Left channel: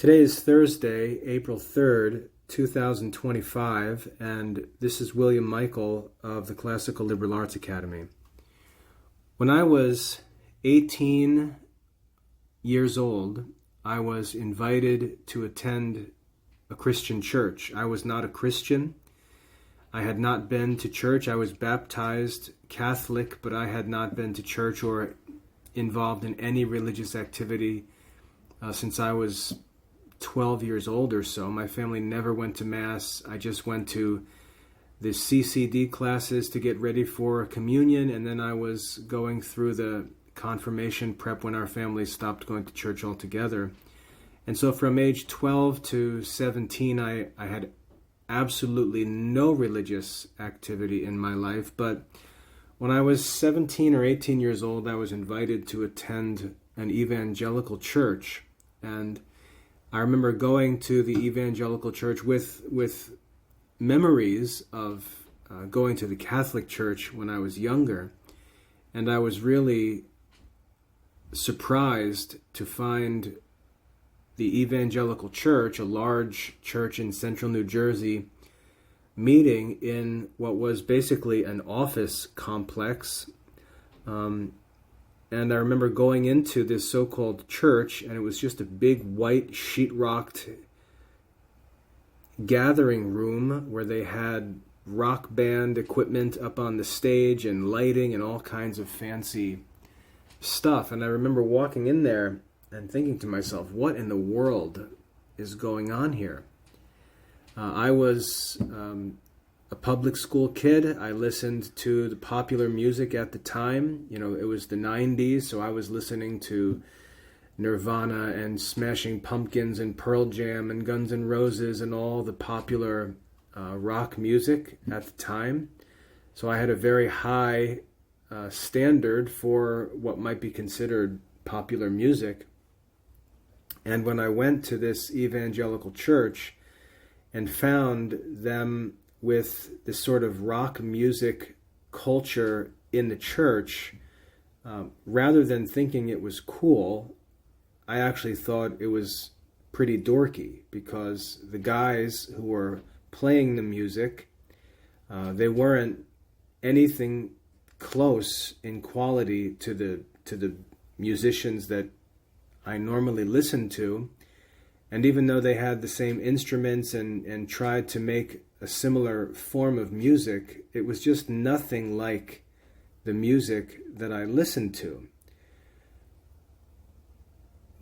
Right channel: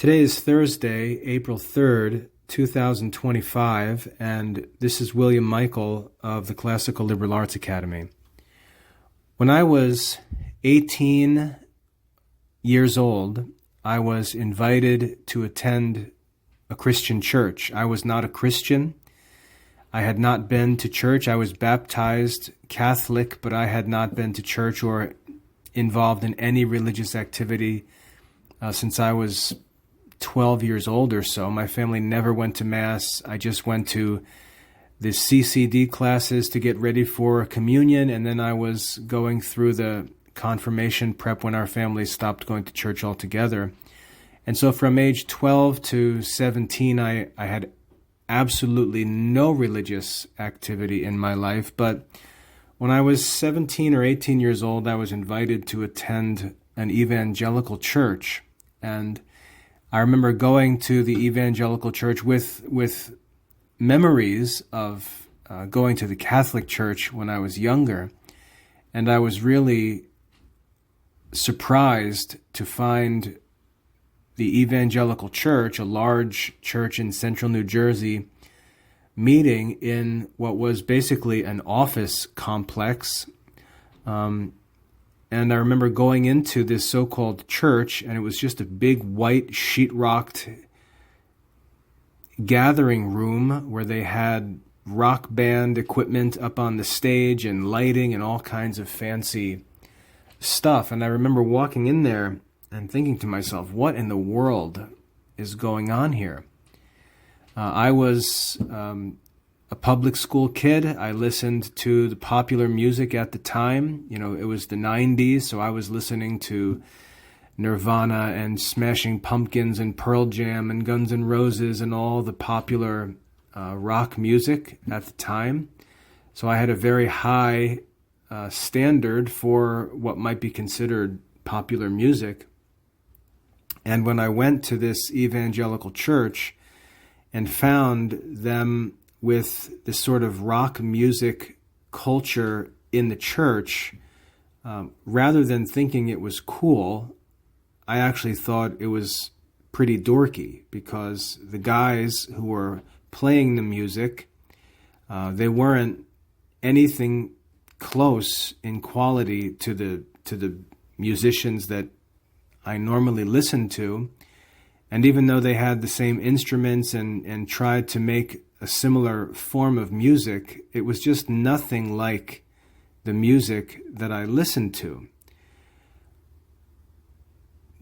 Today is Thursday, April 3rd, 2025, and this is William Michael of the Classical Liberal Arts Academy. When I was 18 years old, I was invited to attend a Christian church. I was not a Christian. I had not been to church. I was baptized Catholic, but I had not been to church or involved in any religious activity since I was 12 years old or so. My family never went to Mass. I just went to the CCD classes to get ready for communion, and then I was going through the confirmation prep when our family stopped going to church altogether. And so from age 12 to 17, I had absolutely no religious activity in my life. But when I was 17 or 18 years old, I was invited to attend an evangelical church. And I remember going to the evangelical church with memories of going to the Catholic church when I was younger. And I was really surprised to find the evangelical church, a large church in central New Jersey, meeting in what was basically an office complex. And I remember going into this so-called church, and it was just a big white sheetrocked gathering room where they had rock band equipment up on the stage and lighting and all kinds of fancy stuff. And I remember walking in there and thinking to myself, what in the world is going on here? I was a public school kid. I listened to the popular music at the time. You know, it was the 90s, so I was listening to Nirvana and Smashing Pumpkins and Pearl Jam and Guns N' Roses and all the popular rock music at the time. So I had a very high standard for what might be considered popular music. And when I went to this evangelical church and found them with this sort of rock music culture in the church, rather than thinking it was cool, I actually thought it was pretty dorky, because the guys who were playing the music, they weren't anything close in quality to the musicians that I normally listen to. And even though they had the same instruments and tried to make a similar form of music, it was just nothing like the music that I listened to.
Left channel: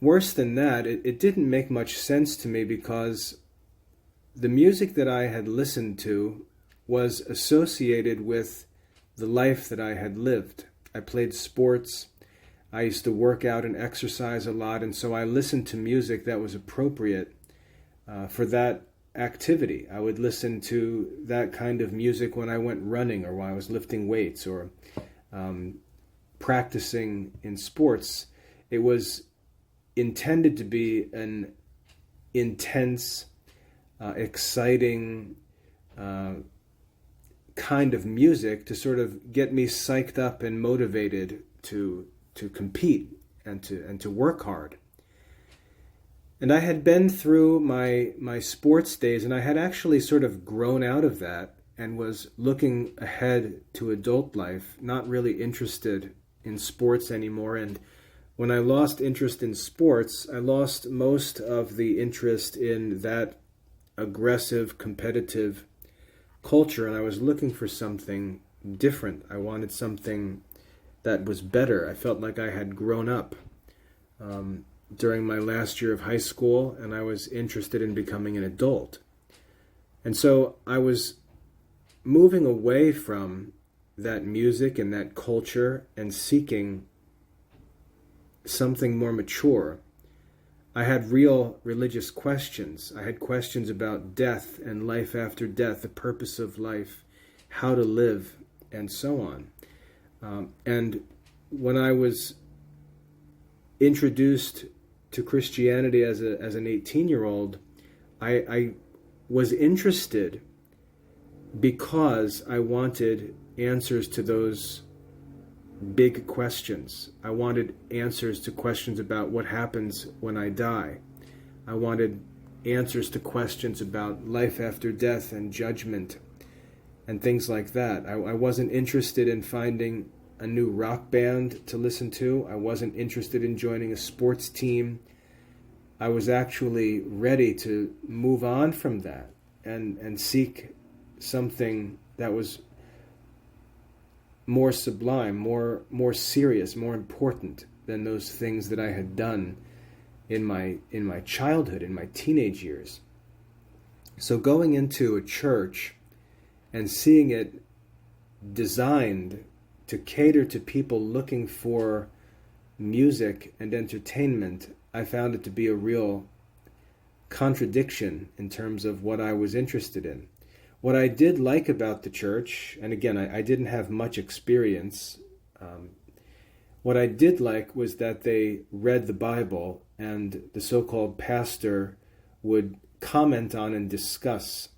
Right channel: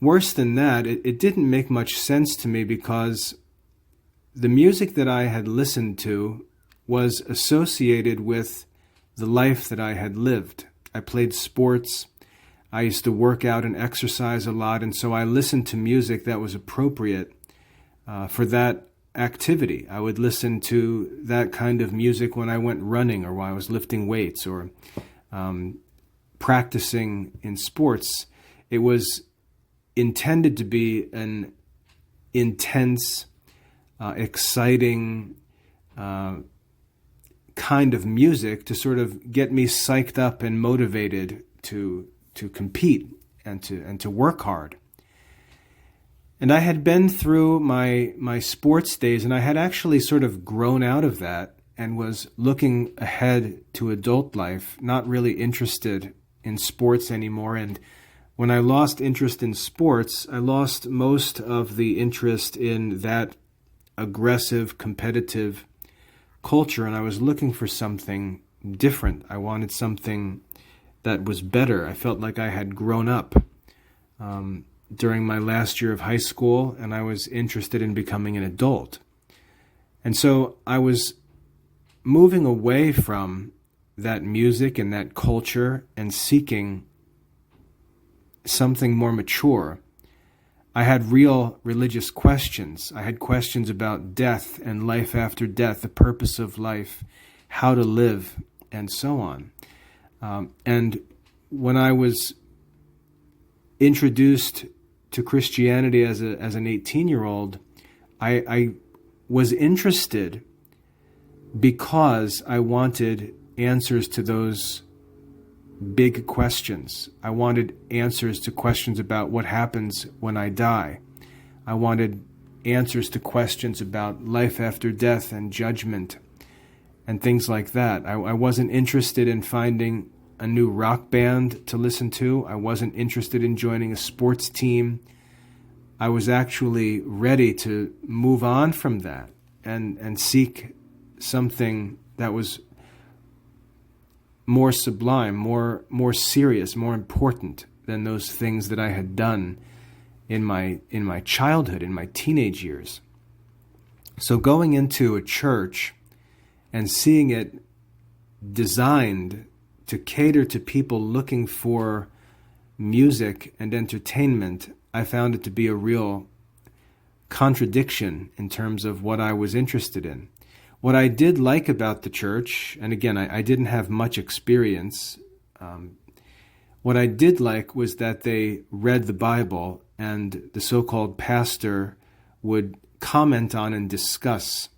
Worse than that, it didn't make much sense to me, because the music that I had listened to was associated with the life that I had lived. I played sports. I used to work out and exercise a lot, and so I listened to music that was appropriate for that activity. I would listen to that kind of music when I went running, or when I was lifting weights, or practicing in sports. It was intended to be an intense, exciting kind of music to sort of get me psyched up and motivated to compete and to work hard. And I had been through my sports days, and I had actually sort of grown out of that and was looking ahead to adult life, not really interested in sports anymore. And when I lost interest in sports, I lost most of the interest in that aggressive, competitive culture, and I was looking for something different. I wanted something that was better. I felt like I had grown up during my last year of high school, and I was interested in becoming an adult. And so I was moving away from that music and that culture and seeking something more mature. I had real religious questions. I had questions about death and life after death, the purpose of life, how to live, and so on. And when I was introduced to Christianity as an 18-year-old, I was interested because I wanted answers to those big questions. I wanted answers to questions about what happens when I die. I wanted answers to questions about life after death and judgment and things like that. I wasn't interested in finding a new rock band to listen to. I wasn't interested in joining a sports team. I was actually ready to move on from that and seek something that was more sublime, more serious, more important than those things that I had done in my childhood, in my teenage years. So going into a church and seeing it designed to cater to people looking for music and entertainment, I found it to be a real contradiction in terms of what I was interested in. What I did like about the church, and again, I didn't have much experience, what I did like was that they read the Bible and the so-called pastor would comment on and discuss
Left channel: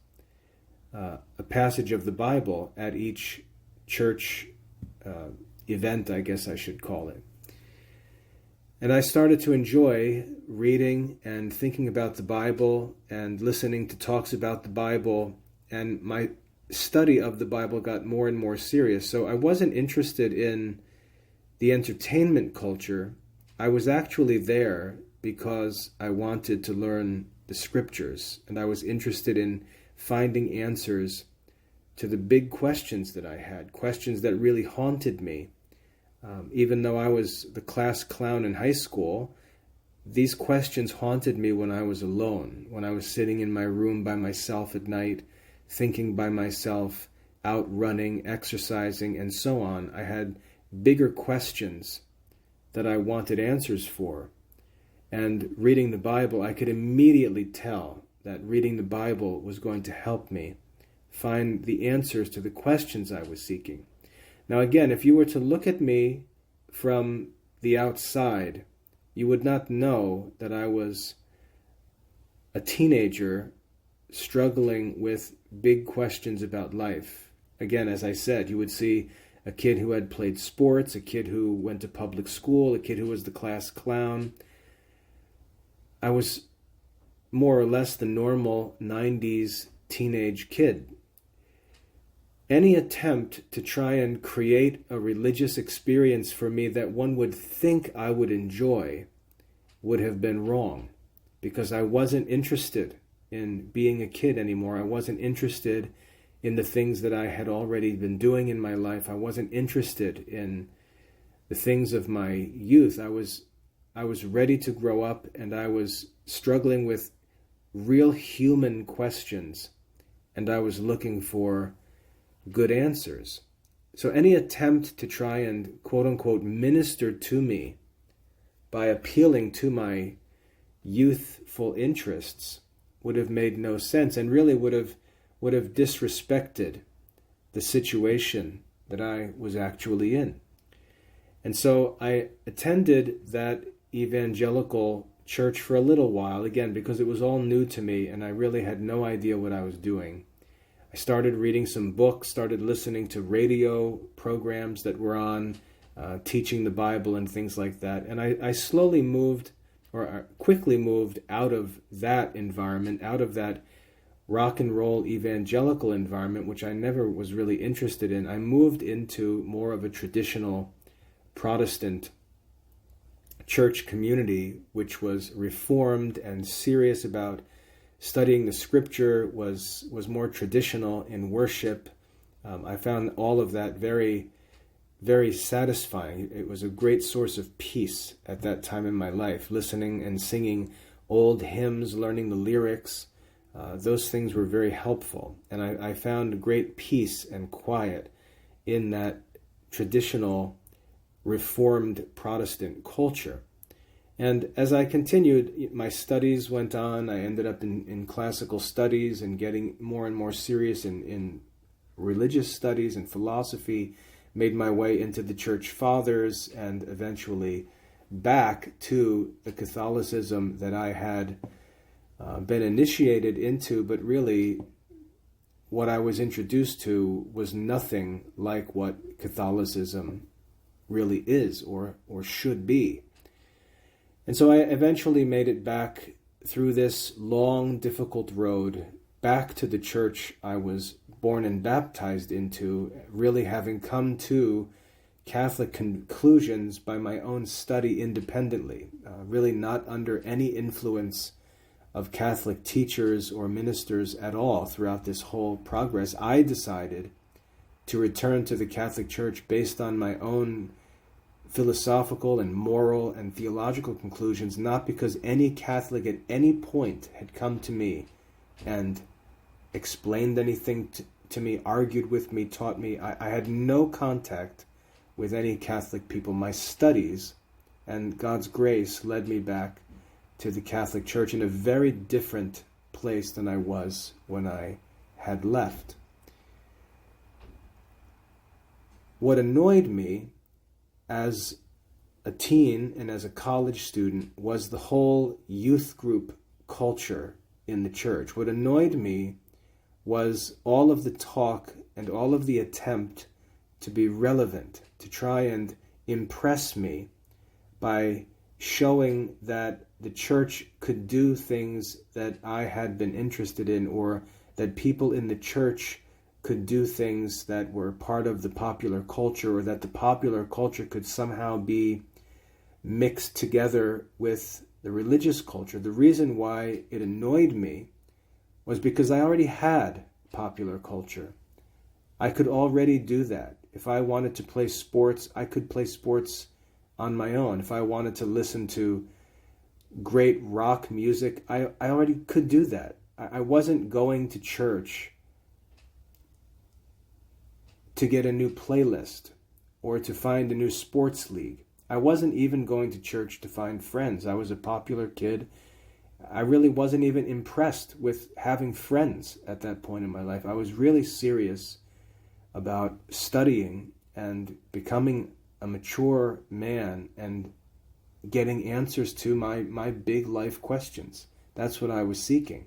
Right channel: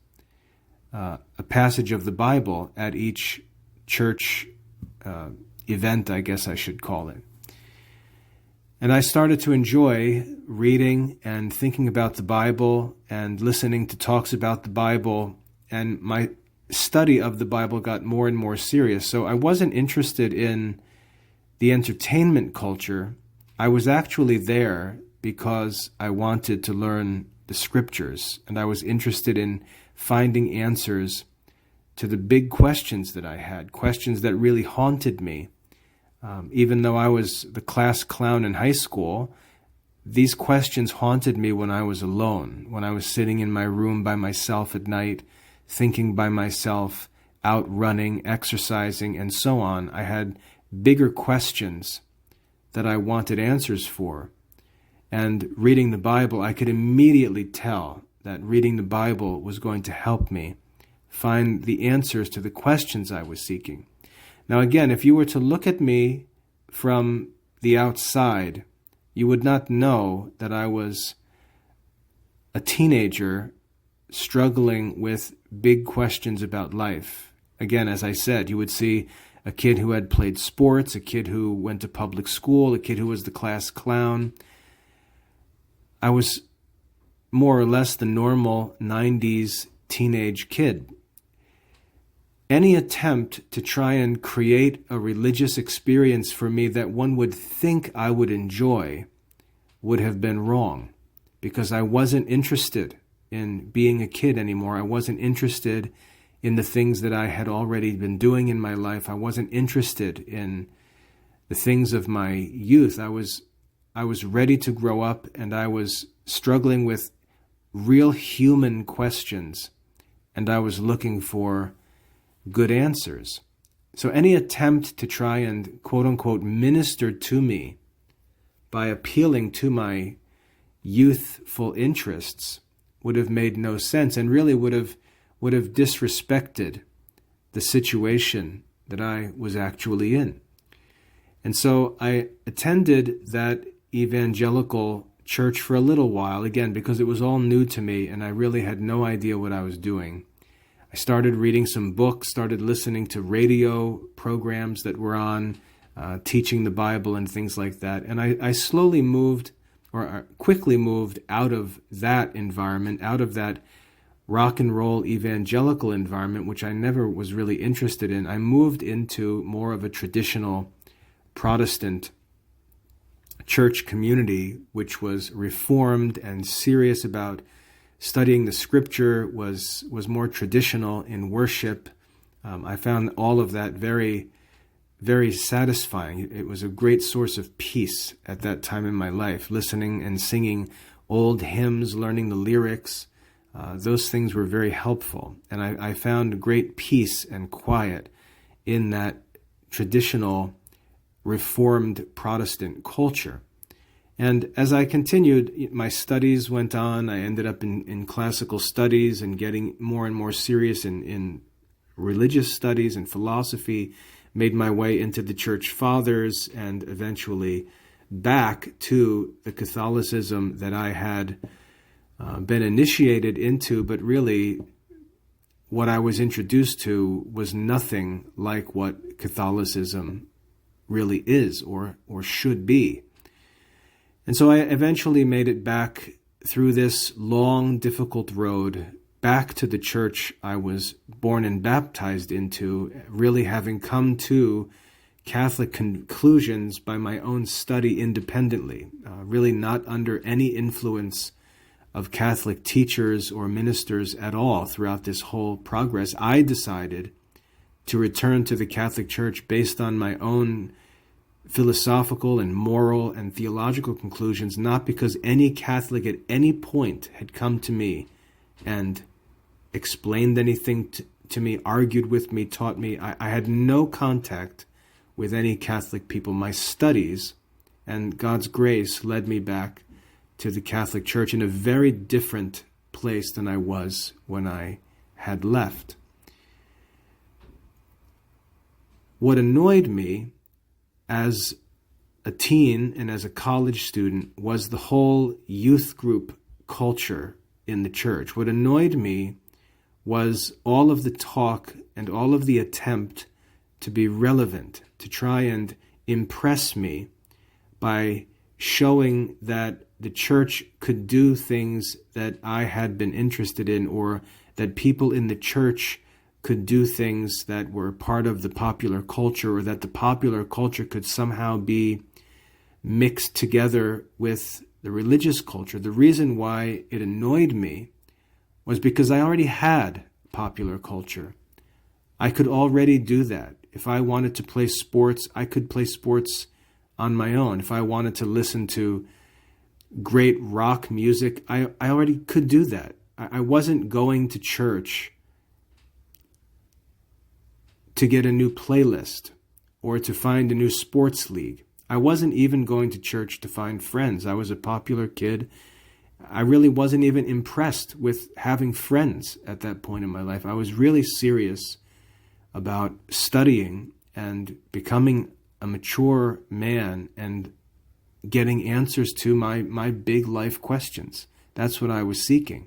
a passage of the Bible at each church event, I guess I should call it. And I started to enjoy reading and thinking about the Bible and listening to talks about the Bible, and my study of the Bible got more and more serious. So I wasn't interested in the entertainment culture. I was actually there because I wanted to learn the scriptures, and I was interested in finding answers to the big questions that I had, questions that really haunted me. Even though I was the class clown in high school, these questions haunted me when I was alone, when I was sitting in my room by myself at night, thinking by myself, out running, exercising, and so on. I had bigger questions that I wanted answers for. And reading the Bible, I could immediately tell that reading the Bible was going to help me find the answers to the questions I was seeking. Now again, if you were to look at me from the outside, you would not know that I was a teenager struggling with big questions about life. Again, as I said, you would see a kid who had played sports, a kid who went to public school, a kid who was the class clown. I was more or less the normal 90s teenage kid. Any attempt to try and create a religious experience for me that one would think I would enjoy would have been wrong, because I wasn't interested in being a kid anymore. I wasn't interested in the things that I had already been doing in my life. I wasn't interested in the things of my youth. I was ready to grow up, and I was struggling with real human questions, and I was looking for good answers. So any attempt to try and quote-unquote minister to me by appealing to my youthful interests would have made no sense, and really would have disrespected the situation that I was actually in. And so I attended that evangelical church for a little while, again, because it was all new to me and I really had no idea what I was doing. I started reading some books, started listening to radio programs that were on, teaching the Bible and things like that. And I slowly moved, or quickly moved out of that environment, out of that rock and roll evangelical environment, which I never was really interested in. I moved into more of a traditional Protestant church community, which was reformed and serious about studying the scripture, was more traditional in worship. I found all of that very, very satisfying. It was a great source of peace at that time in my life, listening and singing old hymns, learning the lyrics. Those things were very helpful. And I found great peace and quiet in that traditional Reformed Protestant culture. And as I continued, my studies went on. I ended up in classical studies and getting more and more serious in religious studies and philosophy, made my way into the church fathers, and eventually back to the Catholicism that I had been initiated into, but really what I was introduced to was nothing like what Catholicism really is or should be. And so I eventually made it back through this long, difficult road back to the church I was born and baptized into, really having come to Catholic conclusions by my own study independently, really not under any influence of Catholic teachers or ministers at all throughout this whole progress. I decided to return to the Catholic Church based on my own philosophical and moral and theological conclusions, not because any Catholic at any point had come to me and explained anything to me, argued with me, taught me. I had no contact with any Catholic people. My studies and God's grace led me back to the Catholic Church in a very different place than I was when I had left. What annoyed me as a teen and as a college student was the whole youth group culture in the church. What annoyed me was all of the talk and all of the attempt to be relevant, to try and impress me by showing that the church could do things that I had been interested in, or that people in the church could do things that were part of the popular culture, or that the popular culture could somehow be mixed together with the religious culture. The reason why it annoyed me was because I already had popular culture. I could already do that. If I wanted to play sports, I could play sports on my own. If I wanted to listen to great rock music, I already could do that. I wasn't going to church to get a new playlist or to find a new sports league. I wasn't even going to church to find friends. I was a popular kid. I really wasn't even impressed with having friends at that point in my life. I was really serious about studying and becoming a mature man and getting answers to my big life questions. That's what I was seeking.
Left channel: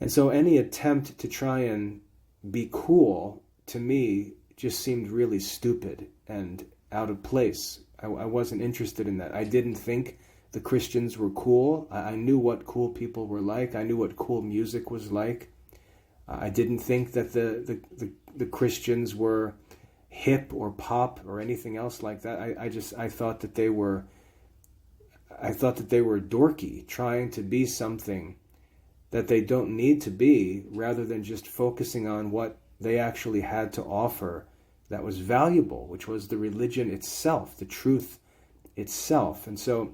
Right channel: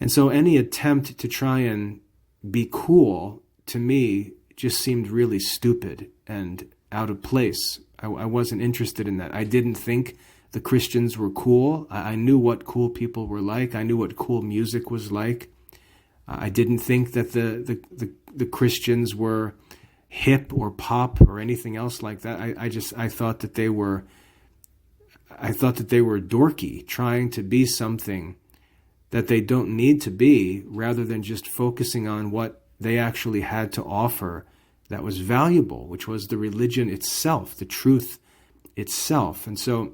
And so any attempt to try and be cool, to me, just seemed really stupid and out of place. I wasn't interested in that. I didn't think the Christians were cool. I knew what cool people were like. I knew what cool music was like. I didn't think that the Christians were hip or pop or anything else like that. I thought that they were dorky, trying to be something that they don't need to be, rather than just focusing on what they actually had to offer that was valuable, which was the religion itself, the truth itself. And so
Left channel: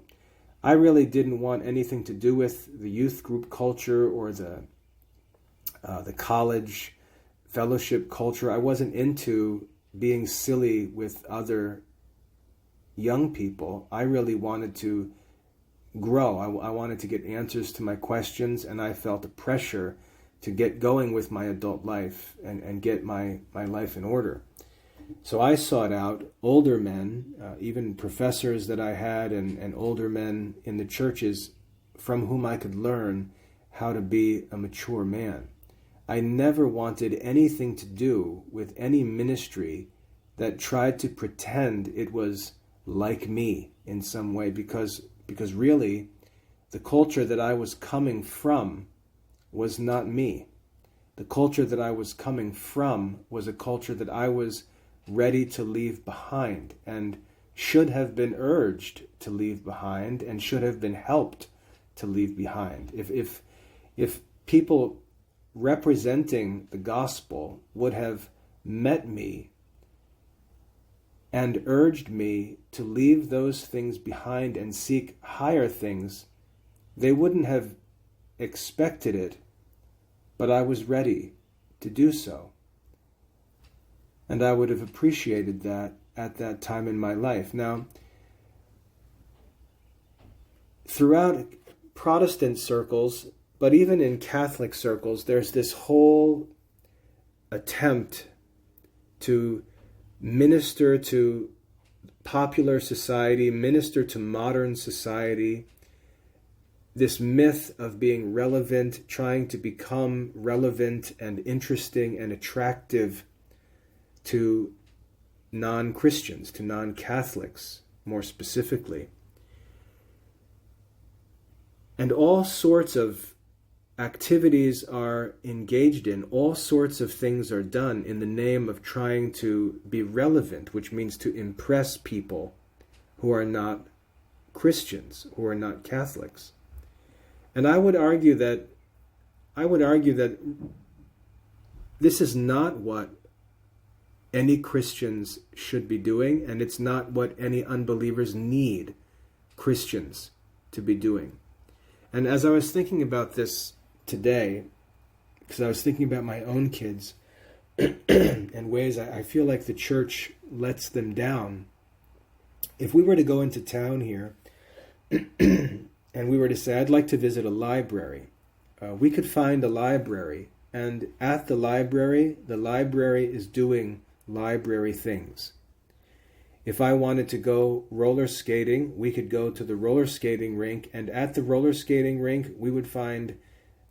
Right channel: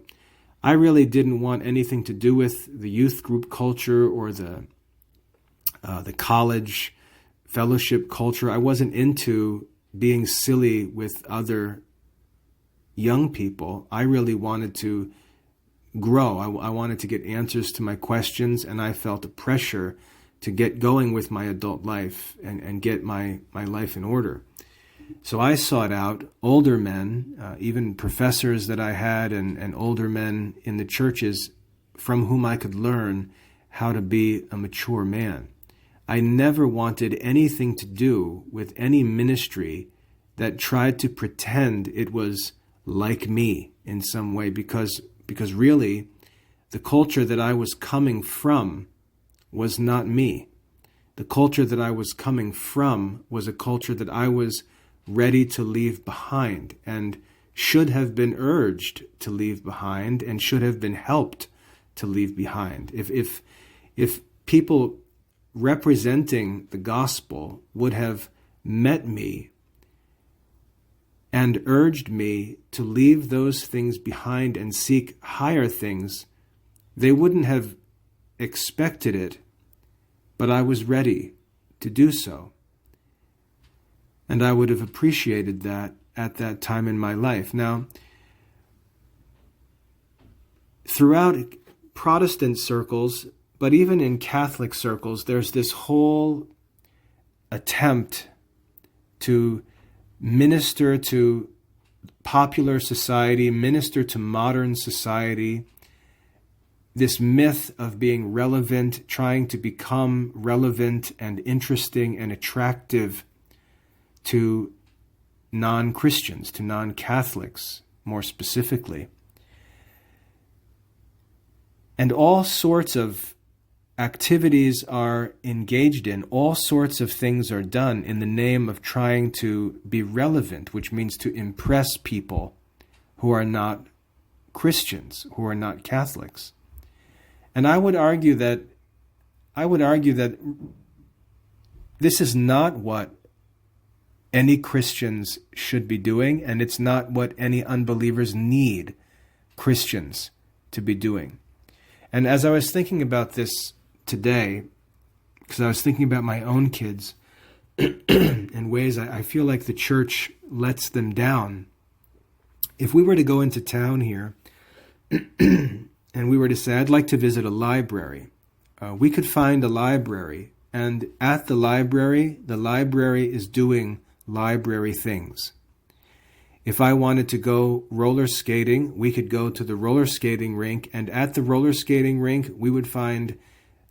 I really didn't want anything to do with the youth group culture or the college fellowship culture. I wasn't into being silly with other young people. I really wanted to grow. I wanted to get answers to my questions, and I felt a pressure to get going with my adult life and get my life in order. So I sought out older men, even professors that I had, and older men in the churches from whom I could learn how to be a mature man. I never wanted anything to do with any ministry that tried to pretend it was like me in some way, because really the culture that I was coming from was not me. The culture that I was coming from was a culture that I was ready to leave behind, and should have been urged to leave behind, and should have been helped to leave behind. If people representing the gospel would have met me and urged me to leave those things behind and seek higher things, they wouldn't have expected it, but I was ready to do so. And I would have appreciated that at that time in my life. Now, throughout Protestant circles, but even in Catholic circles, there's this whole attempt to minister to popular society, minister to modern society, this myth of being relevant, trying to become relevant and interesting and attractive to non-Christians, to non-Catholics more specifically. And all sorts of activities are engaged in, all sorts of things are done in the name of trying to be relevant, which means to impress people who are not Christians, who are not Catholics. And I would argue that this is not what any Christians should be doing, and it's not what any unbelievers need Christians to be doing. And as I was thinking about this today, because I was thinking about my own kids and ways I feel like the church lets them down. If we were to go into town here and we were to say, I'd like to visit a library, we could find a library, and at the library is doing library things. If I wanted to go roller skating, we could go to the roller skating rink, and at the roller skating rink, we would find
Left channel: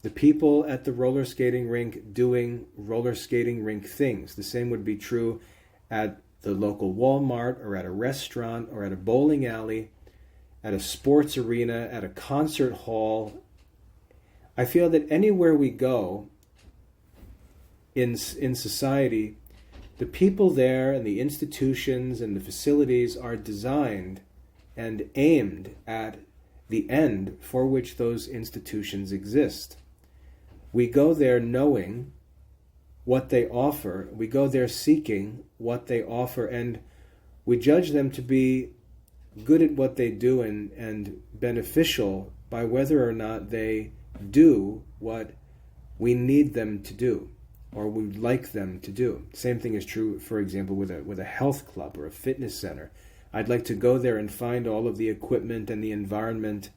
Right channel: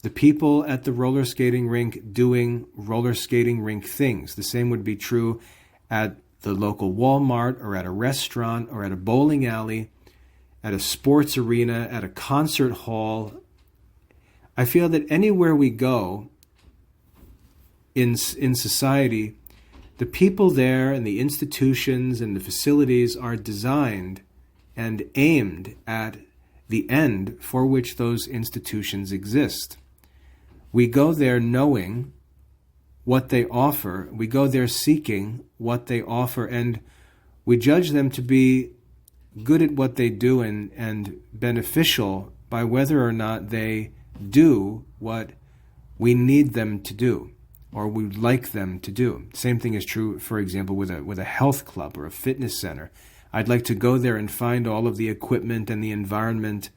the people at the roller skating rink doing roller skating rink things. The same would be true at the local Walmart or at a restaurant or at a bowling alley, at a sports arena, at a concert hall. I feel that anywhere we go in society, the people there and the institutions and the facilities are designed and aimed at the end for which those institutions exist. We go there knowing what they offer. We go there seeking what they offer, and we judge them to be good at what they do and beneficial by whether or not they do what we need them to do or we would like them to do. Same thing is true, for example, with a health club or a fitness center. I'd like to go there and find all of the equipment and the environment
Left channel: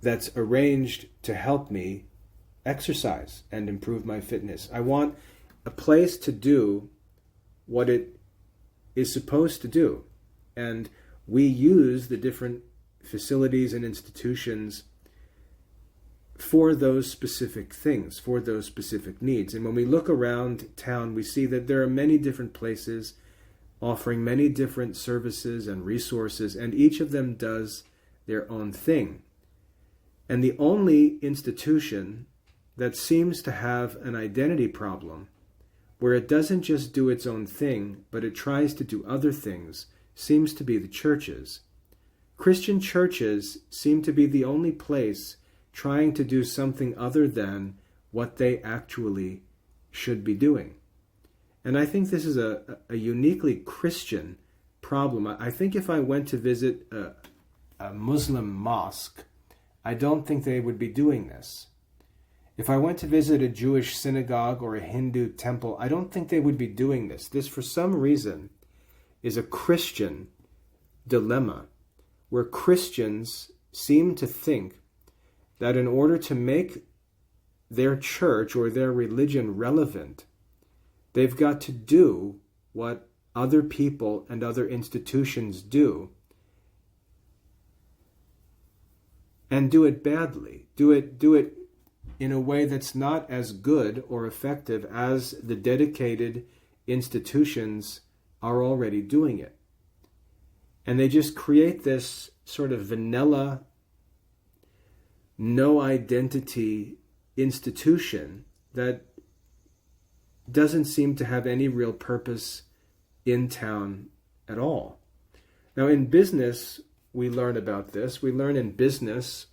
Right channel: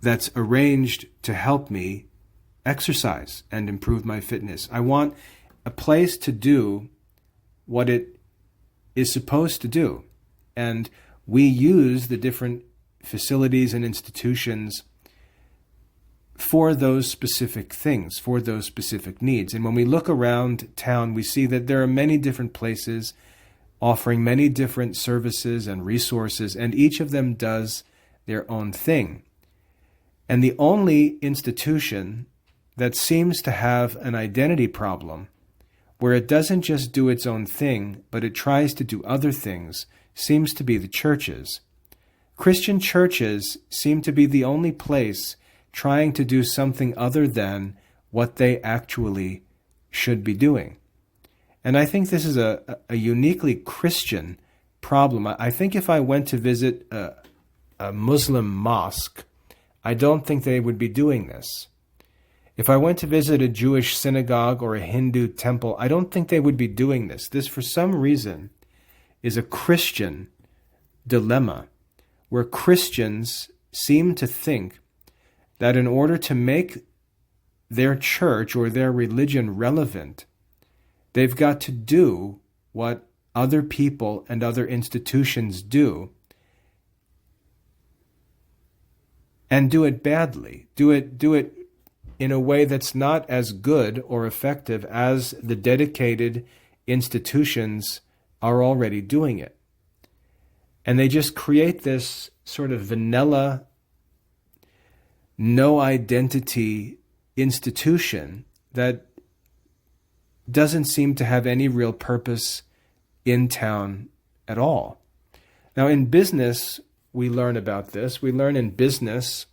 that's arranged to help me exercise and improve my fitness. I want a place to do what it is supposed to do. And we use the different facilities and institutions for those specific things, for those specific needs. And when we look around town, we see that there are many different places offering many different services and resources, and each of them does their own thing. And the only institution that seems to have an identity problem, where it doesn't just do its own thing, but it tries to do other things, seems to be the churches. Christian churches seem to be the only place trying to do something other than what they actually should be doing. And I think this is a uniquely Christian problem. I think if I went to visit a Muslim mosque, I don't think they would be doing this. If I went to visit a Jewish synagogue or a Hindu temple, I don't think they would be doing this. This, for some reason, is a Christian dilemma, where Christians seem to think that in order to make their church or their religion relevant, they've got to do what other people and other institutions do, and do it badly. Do it in a way that's not as good or effective as the dedicated institutions are already doing it. And they just create this sort of vanilla, no identity institution that doesn't seem to have any real purpose in town at all. Now, in business, we learn about this. We learn in business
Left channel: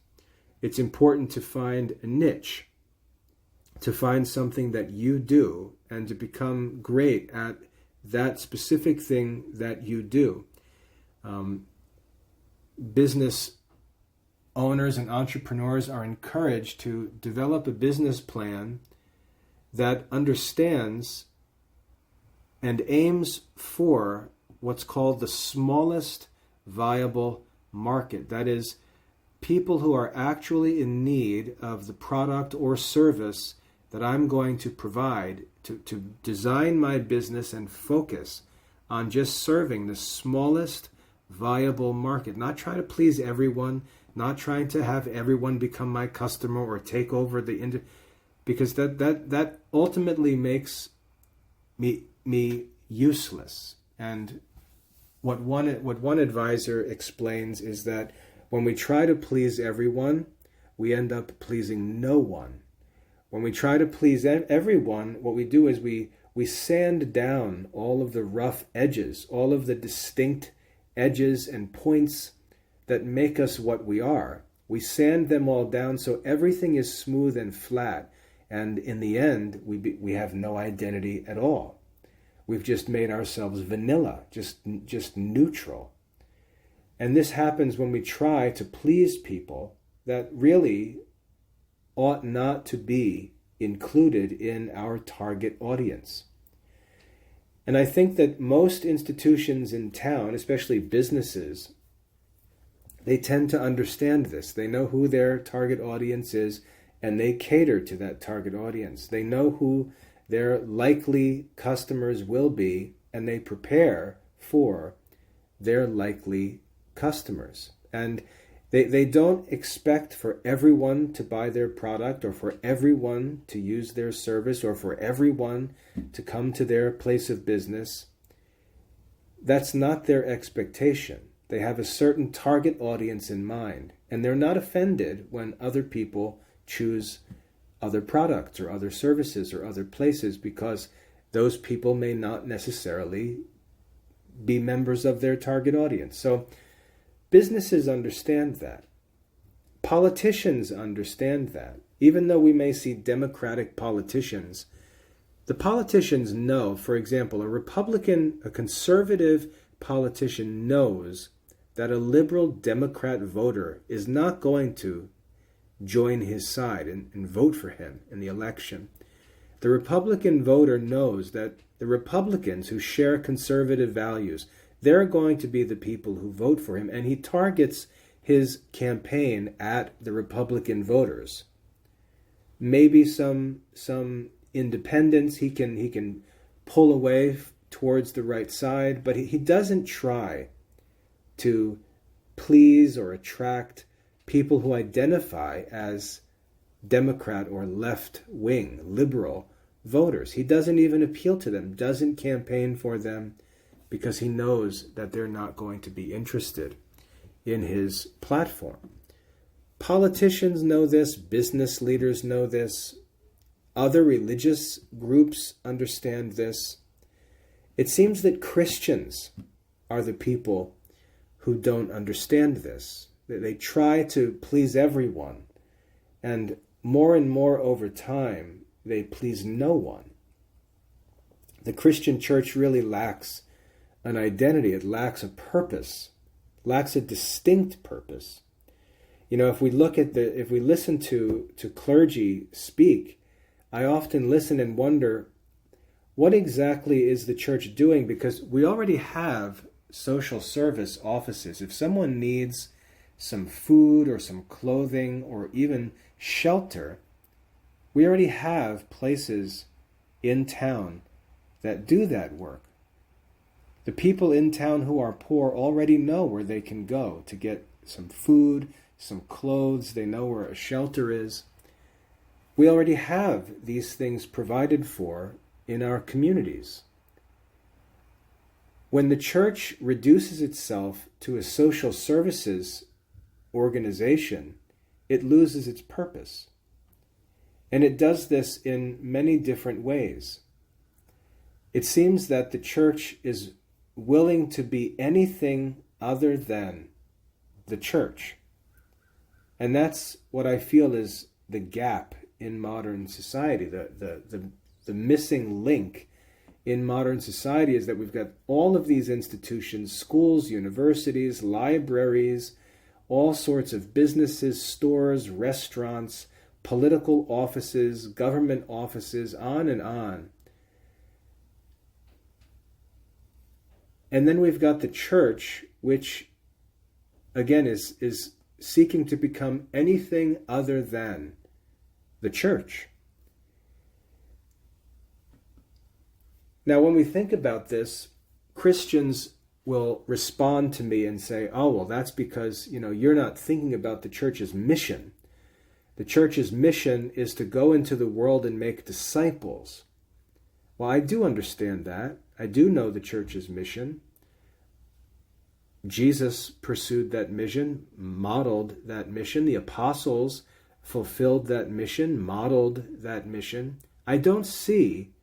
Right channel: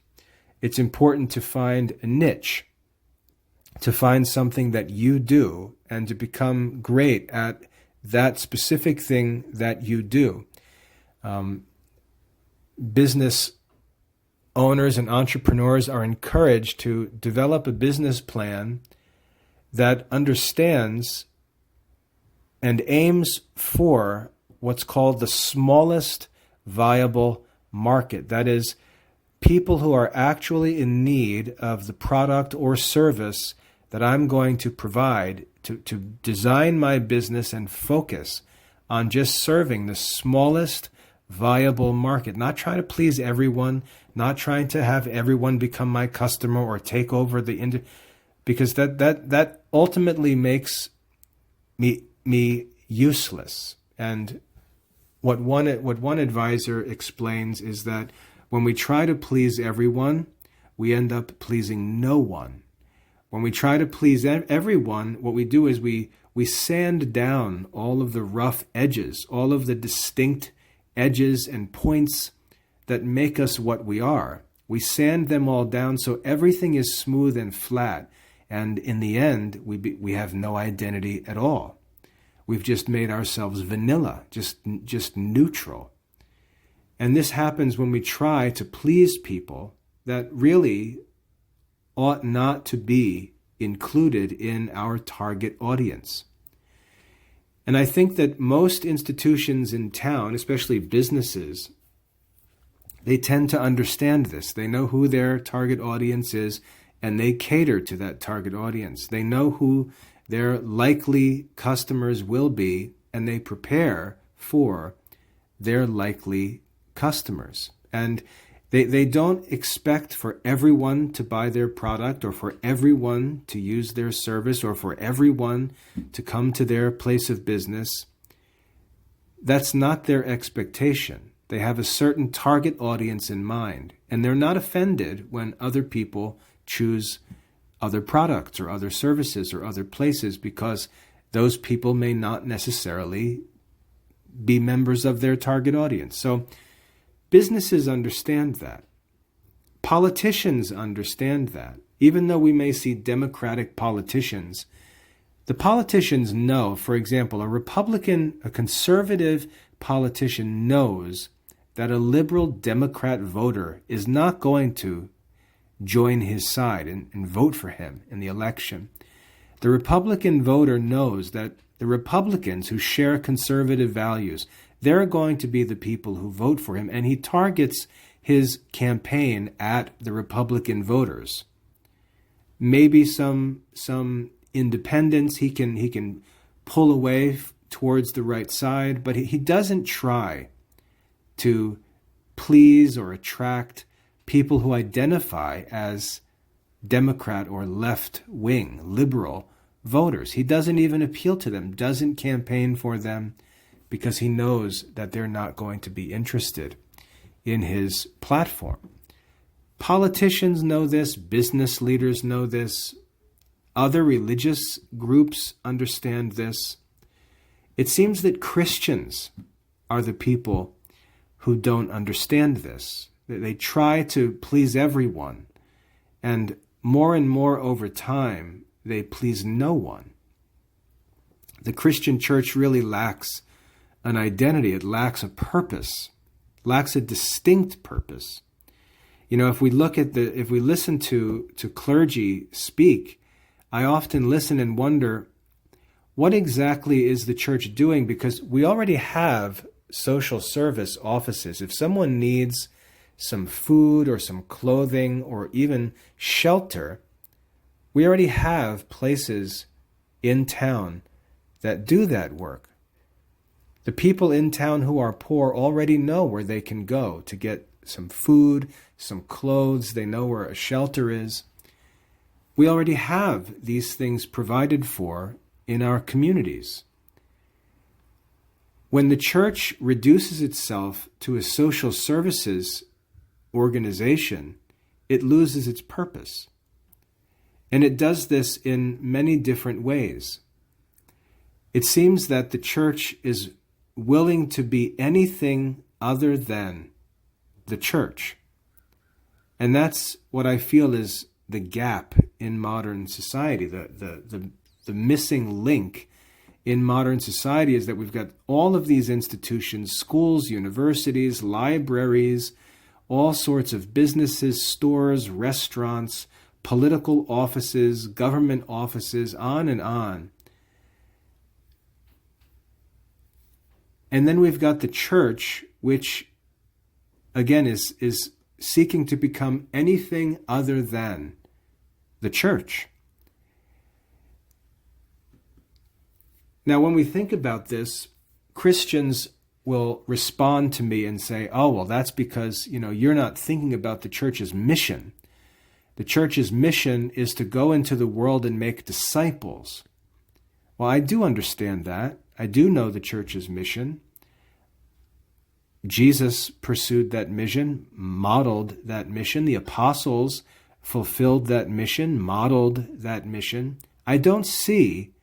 it's important to find a niche, to find something that you do, and to become great at that specific thing that you do. Business owners and entrepreneurs are encouraged to develop a business plan that understands and aims for what's called the smallest viable market. That is, people who are actually in need of the product or service that I'm going to provide, to design my business and focus on just serving the smallest viable market, not trying to please everyone, not trying to have everyone become my customer or take over the because that ultimately makes me useless. And what one advisor explains is that When we try to please everyone, we end up pleasing no one. When we try to please everyone, what we do is we sand down all of the rough edges, all of the distinct edges and points that make us what we are. We sand them all down so everything is smooth and flat. And in the end, we have no identity at all. We've just made ourselves vanilla, just neutral. And this happens when we try to please people that really ought not to be included in our target audience. And I think that most institutions in town, especially businesses, they tend to understand this. They know who their target audience is, and they cater to that target audience. They know who their likely customers will be, and they prepare for their likely customers. And they don't expect for everyone to buy their product, or for everyone to use their service, or for everyone to come to their place of business. That's not their expectation. They have a certain target audience in mind, and they're not offended when other people choose other products or other services or other places, because those people may not necessarily be members of their target audience. So businesses understand that. Politicians understand that. Even though we may see Democratic politicians, the politicians know, for example, a conservative politician knows that a liberal Democrat voter is not going to join his side and vote for him in the election. The Republican voter knows that the Republicans who share conservative values, they're going to be the people who vote for him, and he targets his campaign at the Republican voters. Maybe some independents he can pull away towards the right side, but he doesn't try to please or attract people who identify as Democrat or left-wing, liberal voters. He doesn't even appeal to them, doesn't campaign for them, because he knows that they're not going to be interested in his platform. Politicians know this, business leaders know this, other religious groups understand this. It seems that Christians are the people who don't understand this. They try to please everyone, and more over time, they please no one. The Christian church really lacks an identity. It lacks a purpose, lacks a distinct purpose. You know, if we listen to clergy speak, I often listen and wonder, what exactly is the church doing? Because we already have social service offices. If someone needs some food or some clothing or even shelter, we already have places in town that do that work. The people in town who are poor already know where they can go to get some food, some clothes. They know where a shelter is. We already have these things provided for in our communities. When the church reduces itself to a social services organization, it loses its purpose. And it does this in many different ways. It seems that the church is willing to be anything other than the church. And that's what I feel is the gap in modern society. The missing link in modern society is that we've got all of these institutions, schools, universities, libraries, all sorts of businesses, stores, restaurants, political offices, government offices, on and on. And then we've got the church, which, again, is seeking to become anything other than the church. Now, when we think about this, Christians will respond to me and say, oh, well, that's because, you're not thinking about the church's mission. The church's mission is to go into the world and make disciples. Well, I do understand that. I do know the church's mission. Jesus pursued that mission, modeled that mission. The apostles fulfilled that mission, modeled that mission. I don't see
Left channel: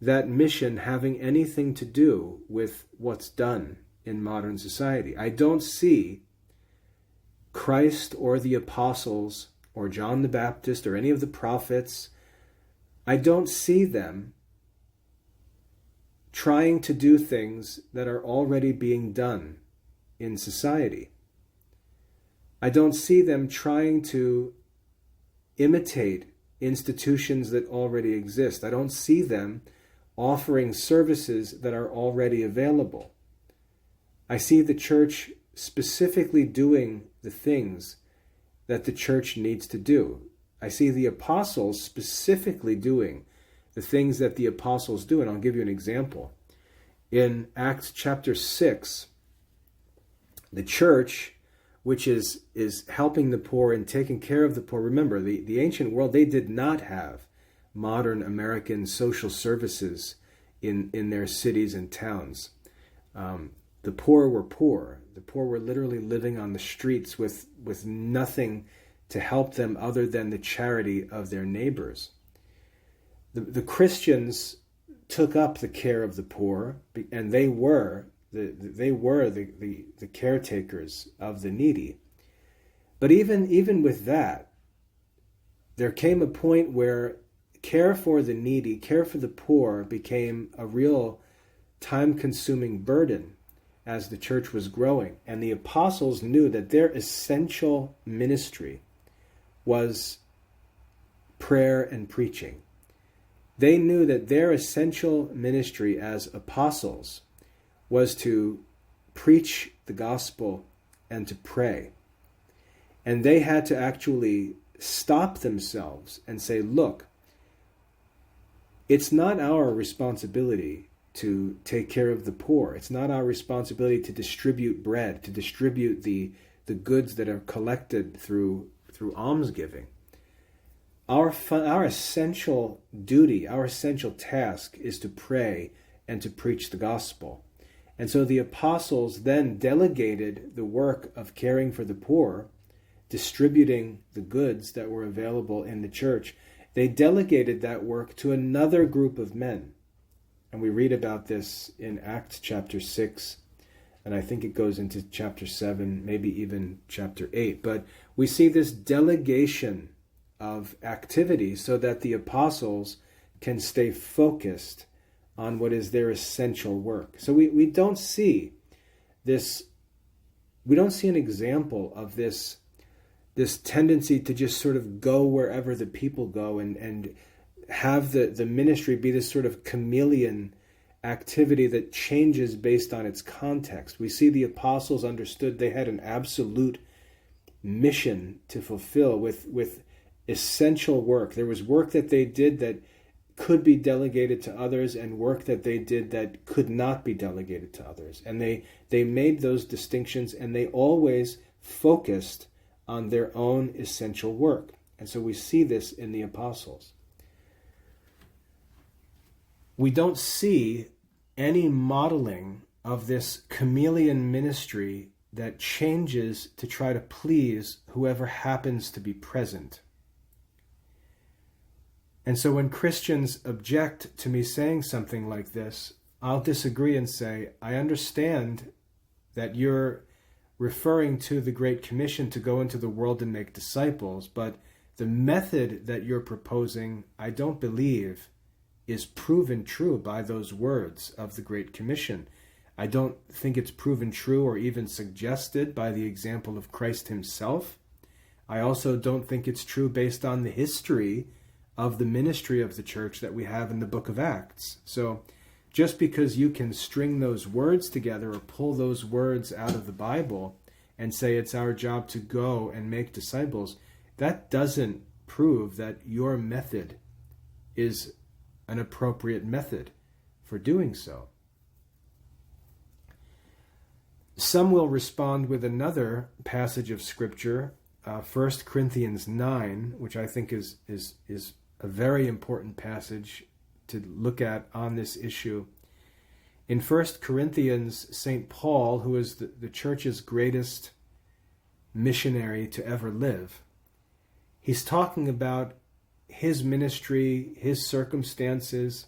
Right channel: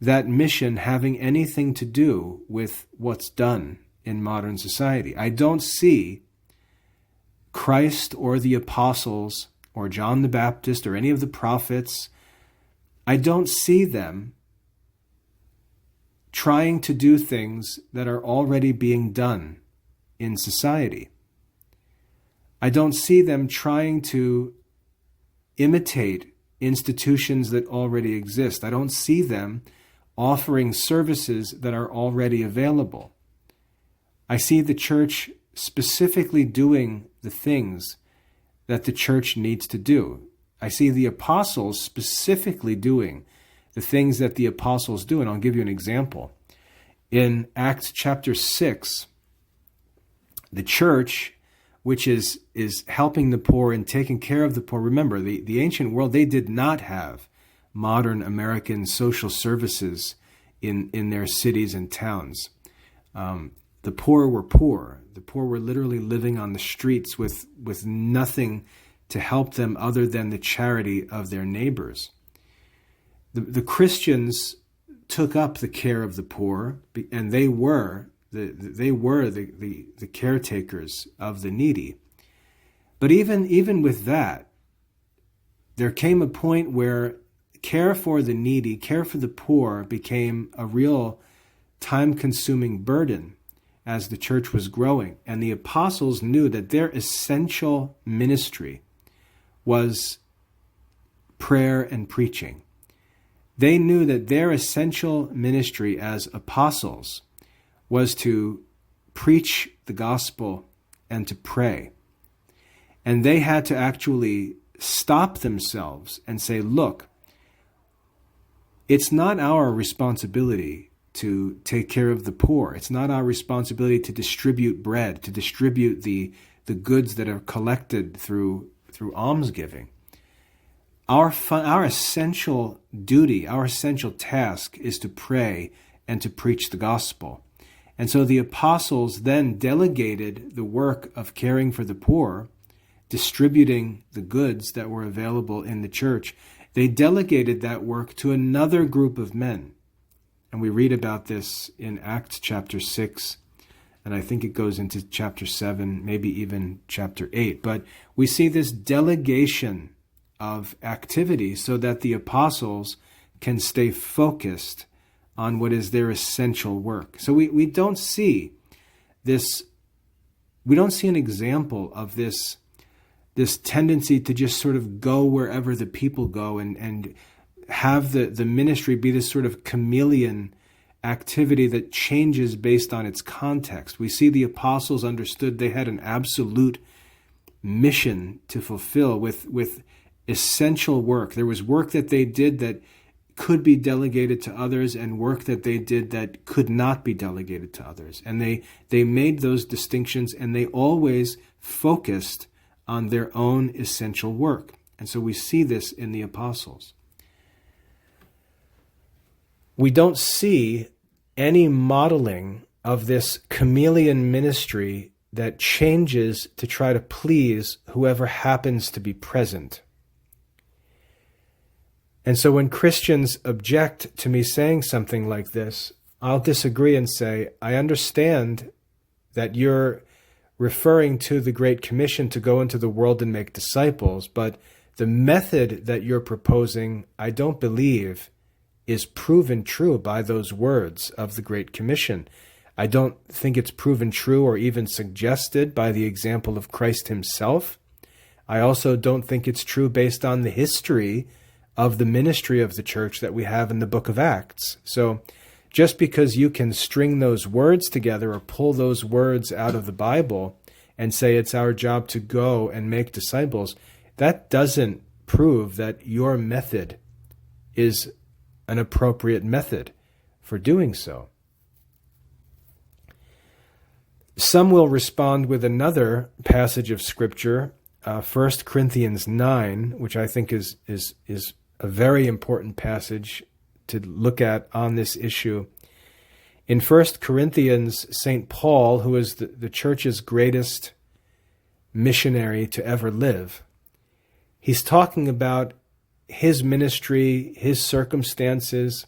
that mission having anything to do with what's done in modern society. I don't see Christ or the apostles or John the Baptist or any of the prophets, I don't see them trying to do things that are already being done in society. I don't see them trying to imitate institutions that already exist. I don't see them offering services that are already available. I see the church specifically doing the things that the church needs to do. I see the apostles specifically doing the things that the apostles do. And I'll give you an example. In Acts chapter 6, the church, which is helping the poor and taking care of the poor. Remember, the ancient world, they did not have modern American social services in their cities and towns. The poor were poor. The poor were literally living on the streets with nothing to help them other than the charity of their neighbors. The Christians took up the care of the poor, and they were the caretakers of the needy. But even with that, there came a point where care for the needy, care for the poor became a real time-consuming burden as the church was growing. And the apostles knew that their essential ministry was prayer and preaching. They knew that their essential ministry as apostles was to preach the gospel and to pray. And they had to actually stop themselves and say, look, it's not our responsibility to take care of the poor. It's not our responsibility to distribute bread, to distribute the goods that are collected through almsgiving. Our essential duty, our essential task is to pray and to preach the gospel. And so the apostles then delegated the work of caring for the poor, distributing the goods that were available in the church. They delegated that work to another group of men. And we read about this in Acts chapter 6, and I think it goes into chapter 7, maybe even chapter 8. But we see this delegation of activity so that the apostles can stay focused on what is their essential work. So we don't see this, we don't see an example of this tendency to just sort of go wherever the people go and have the ministry be this sort of chameleon activity that changes based on its context. We see the apostles understood they had an absolute mission to fulfill with essential work. There was work that they did that could be delegated to others and work that they did that could not be delegated to others. And they made those distinctions, and they always focused on their own essential work. And so we see this in the apostles. We don't see any modeling of this chameleon ministry that changes to try to please whoever happens to be present. And so when Christians object to me saying something like this, I'll disagree and say, I understand that you're referring to the Great Commission to go into the world and make disciples, but the method that you're proposing, I don't believe, is proven true by those words of the Great Commission. I don't think it's proven true or even suggested by the example of Christ himself. I also don't think it's true based on the history of the ministry of the church that we have in the book of Acts. So just because you can string those words together or pull those words out of the Bible and say it's our job to go and make disciples, that doesn't prove that your method is an appropriate method for doing so. Some will respond with another passage of Scripture, 1 Corinthians 9, which I think is a very important passage to look at on this issue. In 1 Corinthians, St. Paul, who is the church's greatest missionary to ever live, he's talking about his ministry, his circumstances,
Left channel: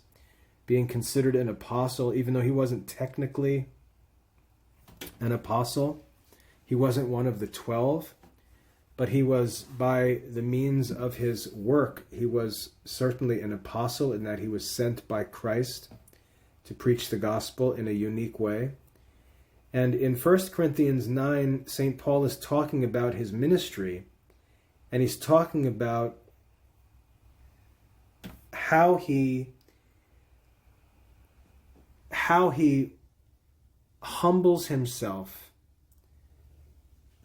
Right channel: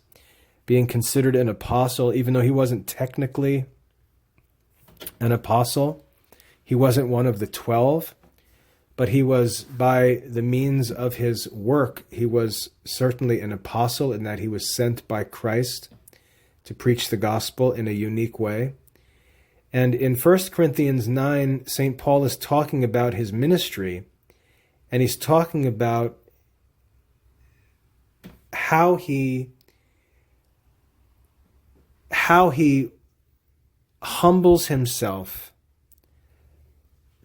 being considered an apostle, even though he wasn't technically an apostle. He wasn't one of the 12, but he was, by the means of his work, he was certainly an apostle in that he was sent by Christ to preach the gospel in a unique way. And in 1 Corinthians 9, St. Paul is talking about his ministry, and he's talking about how he humbles himself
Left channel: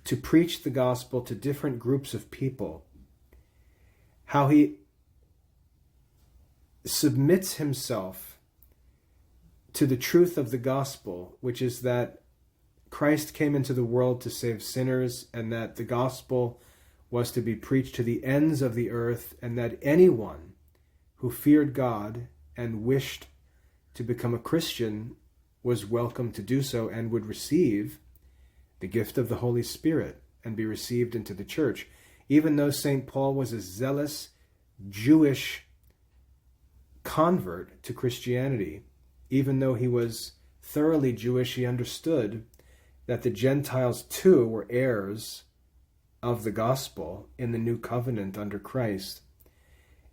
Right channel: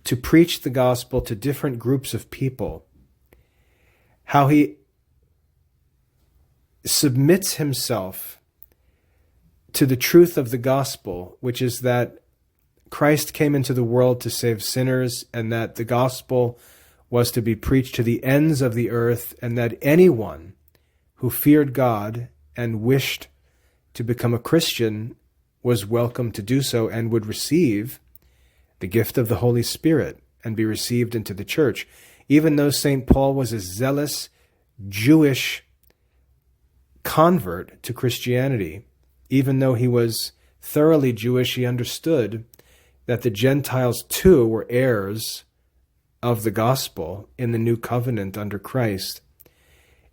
to preach the gospel to different groups of people, how he submits himself to the truth of the gospel, which is that Christ came into the world to save sinners, and that the gospel was to be preached to the ends of the earth, and that anyone who feared God and wished to become a Christian was welcome to do so and would receive the gift of the Holy Spirit and be received into the church. Even though St. Paul was a zealous Jewish convert to Christianity, even though he was thoroughly Jewish, he understood that the Gentiles too were heirs of the gospel in the new covenant under Christ.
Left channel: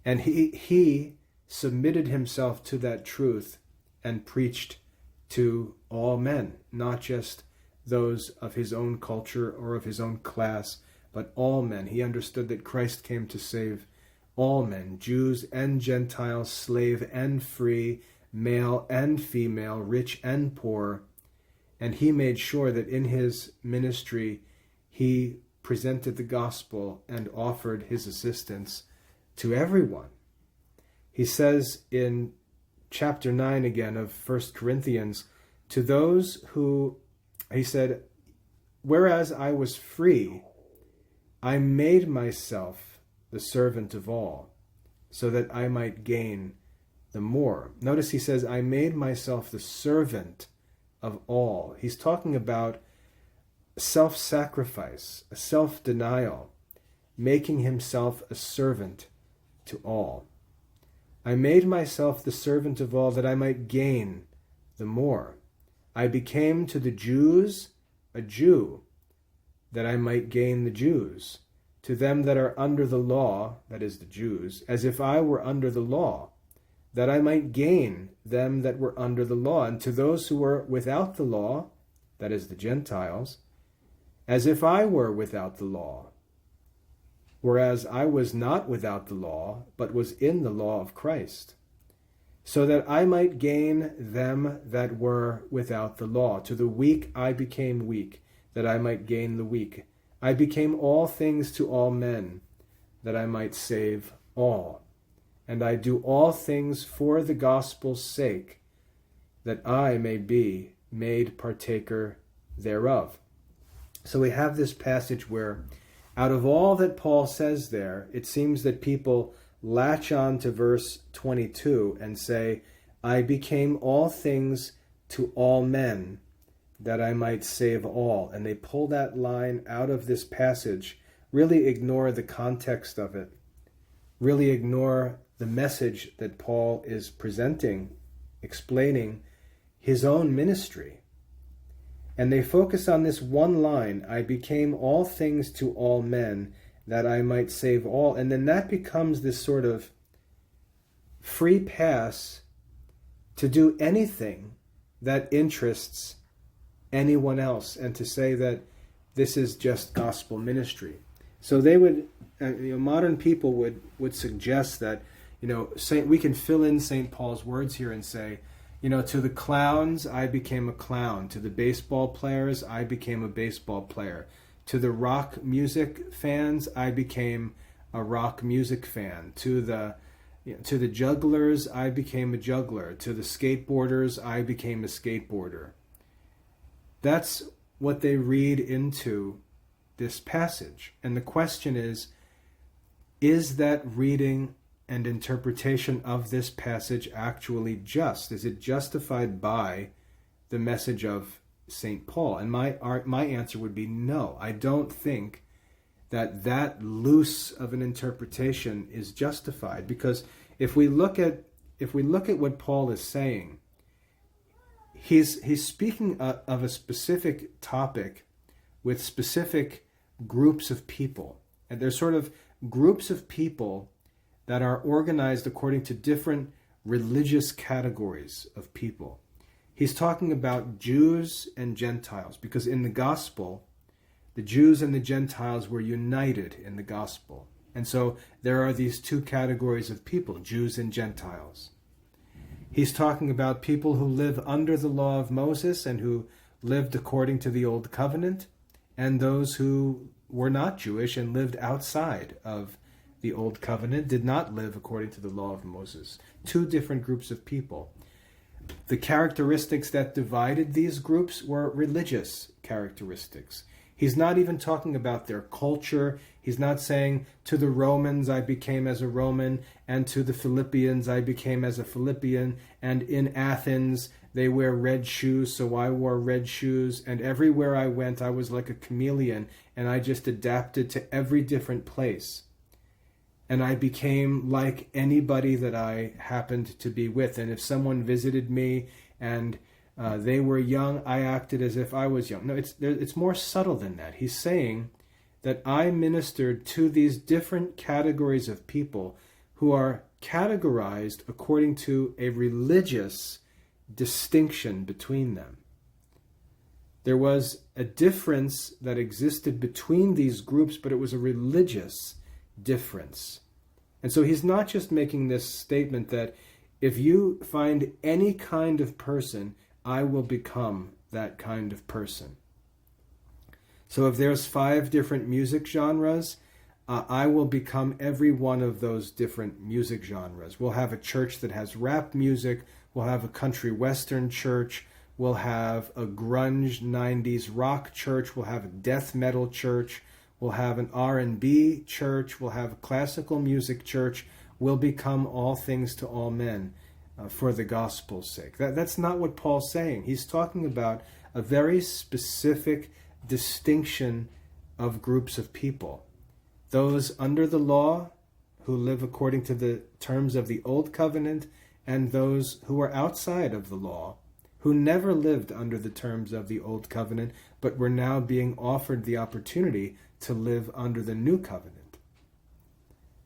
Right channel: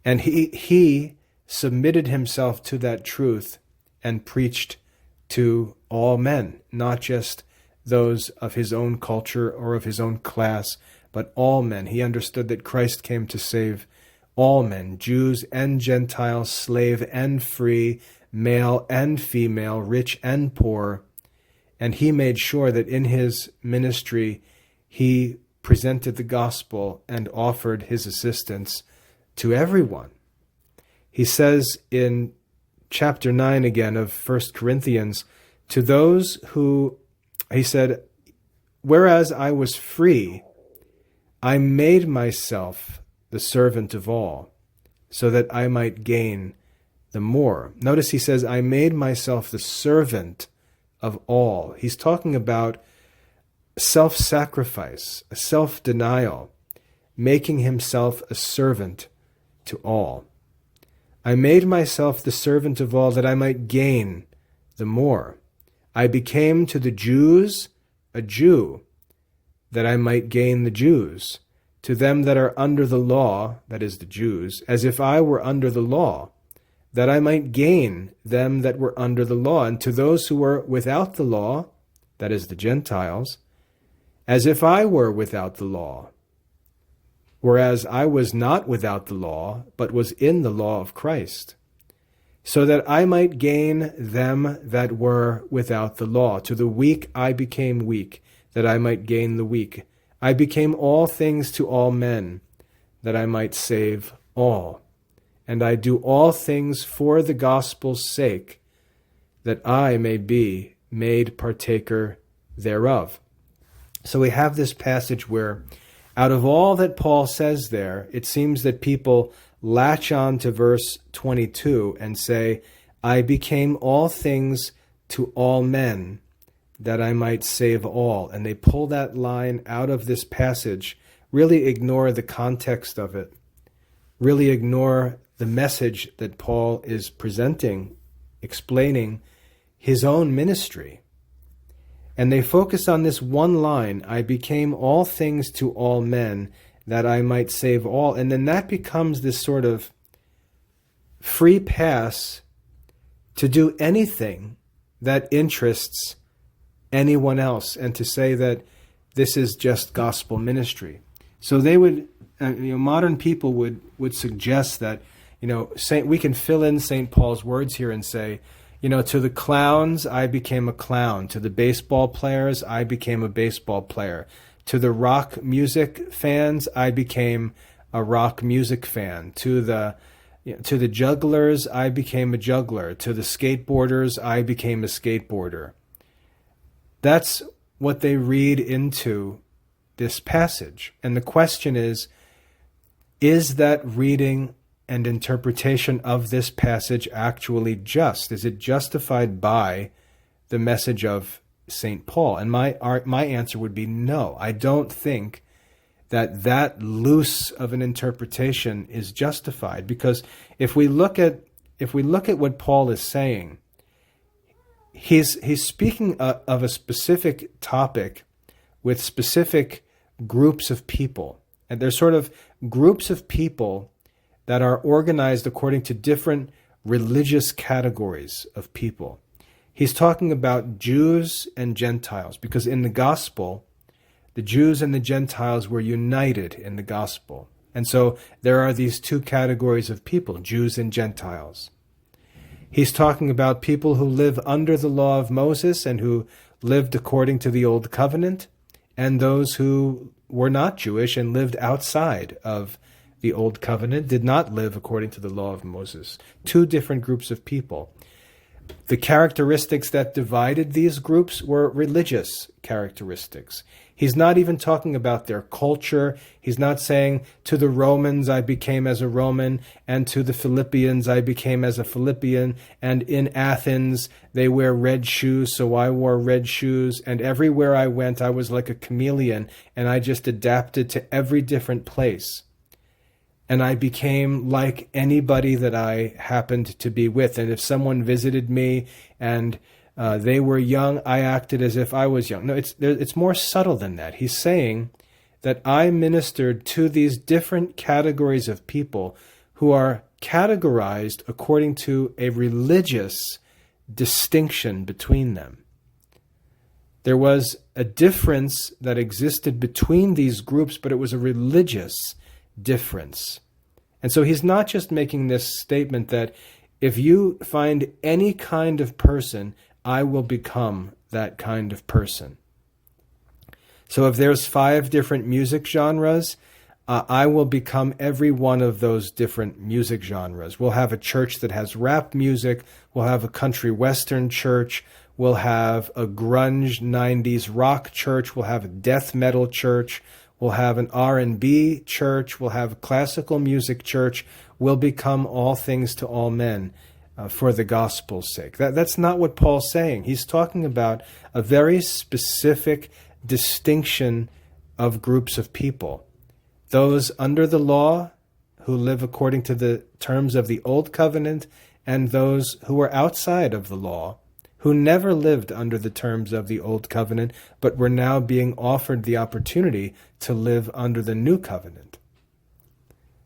And he submitted himself to that truth and preached to all men, not just those of his own culture or of his own class, but all men. He understood that Christ came to save all men, Jews and Gentiles, slave and free, male and female, rich and poor. And he made sure that in his ministry, he presented the gospel and offered his assistance to everyone. He says in chapter 9 again of 1 Corinthians, to those who, he said, whereas I was free, I made myself the servant of all, so that I might gain the more. Notice he says, I made myself the servant of all. He's talking about self-sacrifice, a self-denial, making himself a servant to all. I made myself the servant of all that I might gain the more. I became to the Jews a Jew, that I might gain the Jews. To them that are under the law, that is the Jews, as if I were under the law, that I might gain them that were under the law. And to those who were without the law, that is the Gentiles, as if I were without the law, whereas I was not without the law, but was in the law of Christ, so that I might gain them that were without the law. To the weak I became weak, that I might gain the weak. I became all things to all men, that I might save all. And I do all things for the gospel's sake, that I may be made partaker thereof. So we have this passage where, out of all that Paul says there, it seems that people latch on to verse 22 and say, I became all things to all men, that I might save all. And they pull that line out of this passage, really ignore the context of it, really ignore the message that Paul is presenting, explaining his own ministry. And they focus on this one line, I became all things to all men, that I might save all. And then that becomes this sort of free pass to do anything that interests anyone else, and to say that this is just gospel ministry. So they would, modern people would suggest that, we can fill in St. Paul's words here and say, to the clowns, I became a clown. To the baseball players, I became a baseball player. To the rock music fans, I became a rock music fan. To the jugglers, I became a juggler. To the skateboarders, I became a skateboarder. That's what they read into this passage. And the question is that reading and interpretation of this passage actually just? Is it justified by the message of St. Paul? And my answer would be no. I don't think that loose of an interpretation is justified, because if we look at what Paul is saying, he's speaking of a specific topic with specific groups of people, and they're sort of groups of people that are organized according to different religious categories of people. He's talking about Jews and Gentiles, because in the gospel, the Jews and the Gentiles were united in the gospel. And so there are these two categories of people, Jews and Gentiles. He's talking about people who live under the law of Moses and who lived according to the Old Covenant, and those who were not Jewish and lived outside of the Old Covenant, did not live according to the law of Moses. Two different groups of people. The characteristics that divided these groups were religious characteristics. He's not even talking about their culture. He's not saying, to the Romans I became as a Roman, and to the Philippians I became as a Philippian, and in Athens they wear red shoes, so I wore red shoes, and everywhere I went I was like a chameleon, and I just adapted to every different place. And I became like anybody that I happened to be with. And if someone visited me and they were young, I acted as if I was young. No, it's more subtle than that. He's saying that I ministered to these different categories of people who are categorized according to a religious distinction between them. There was a difference that existed between these groups, but it was a religious difference. And so he's not just making this statement that if you find any kind of person, I will become that kind of person. So if there's 5 different music genres, I will become every one of those different music genres. We'll have a church that has rap music. We'll have a country western church. We'll have a grunge 90s rock church. We'll have a death metal church. We'll have an R&B church. We'll have a classical music church. We'll become all things to all men for the gospel's sake. That's not what Paul's saying. He's talking about a very specific distinction of groups of people. Those under the law who live according to the terms of the Old Covenant, and those who are outside of the law, who never lived under the terms of the Old Covenant, but were now being offered the opportunity to live under the New Covenant.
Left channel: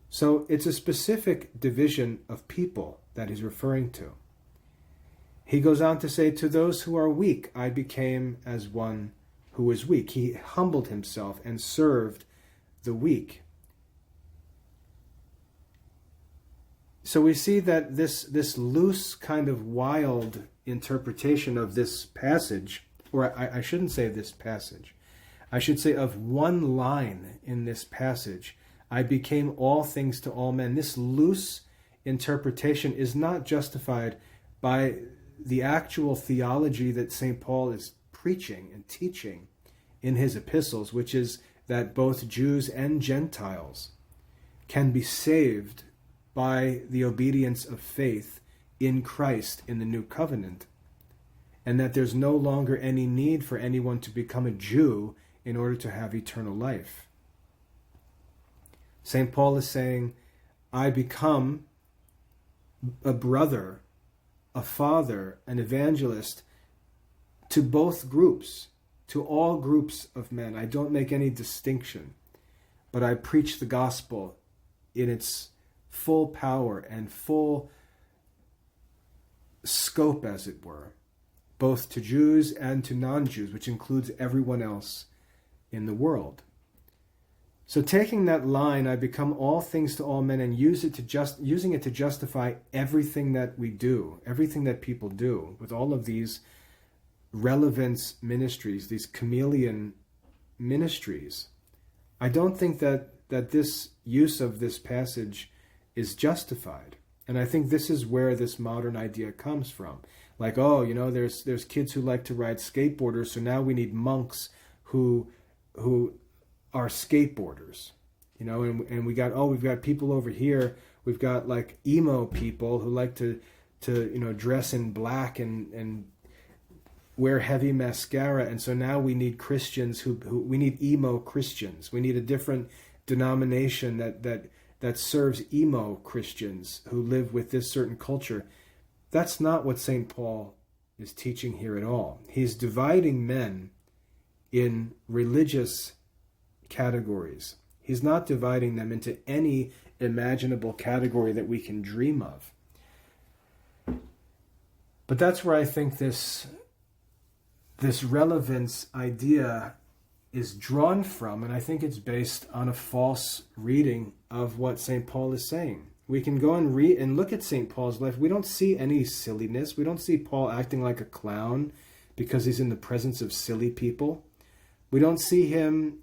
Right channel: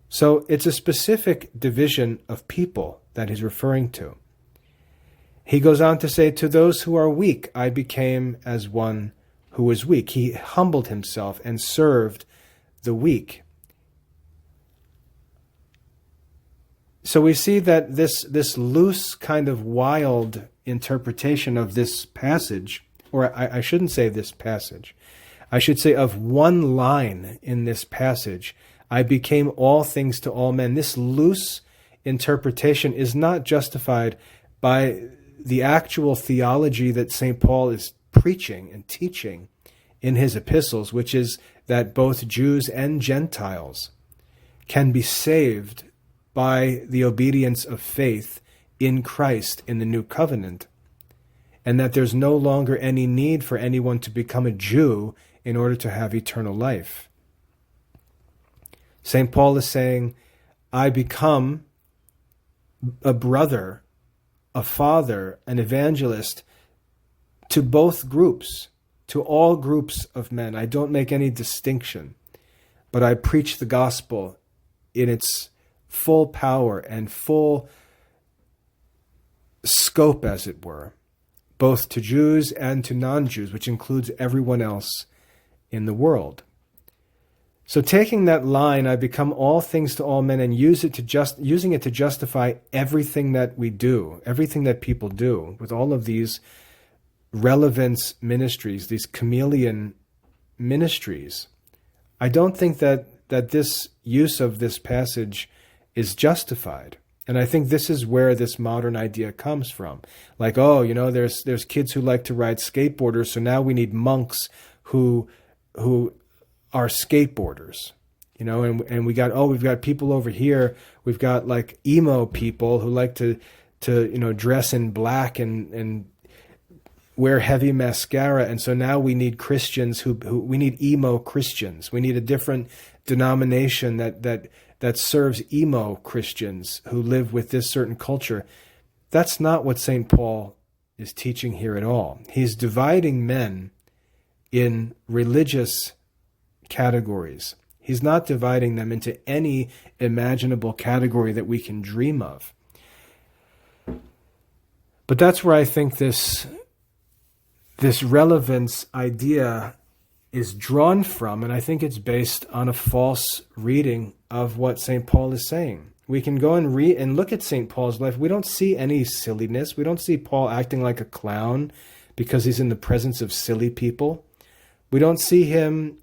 So it's a specific division of people that he's referring to. He goes on to say, to those who are weak, I became as one who was weak. He humbled himself and served the weak. So we see that this loose kind of wild interpretation of this passage, or I shouldn't say this passage, I should say of one line in this passage, I became all things to all men. This loose interpretation is not justified by the actual theology that St. Paul is preaching and teaching in his epistles, which is that both Jews and Gentiles can be saved by the obedience of faith in Christ in the new covenant, and that there's no longer any need for anyone to become a Jew in order to have eternal life. St. Paul is saying, I become a brother, a father, an evangelist to both groups, to all groups of men. I don't make any distinction, but I preach the gospel in its full power and full scope, as it were, both to Jews and to non-Jews, which includes everyone else in the world. So taking that line, I become all things to all men, and using it to justify everything that we do, everything that people do, with all of these relevance ministries, these chameleon ministries. I don't think that this use of this passage is justified. And I think this is where this modern idea comes from. Like, there's kids who like to ride skateboarders, so now we need monks who are skateboarders. And we've got people over here. We've got like emo people who like to dress in black and wear heavy mascara, and so now we need Christians who we need emo Christians. We need a different denomination that serves emo Christians who live with this certain culture. That's not what St. Paul is teaching here at all. He's dividing men in religious categories. He's not dividing them into any imaginable category that we can dream of. But that's where I think this relevance idea is drawn from, and I think it's based on a false reading of what St. Paul is saying. We can go and read and look at St. Paul's life. We don't see any silliness. We don't see Paul acting like a clown because he's in the presence of silly people. We don't see him,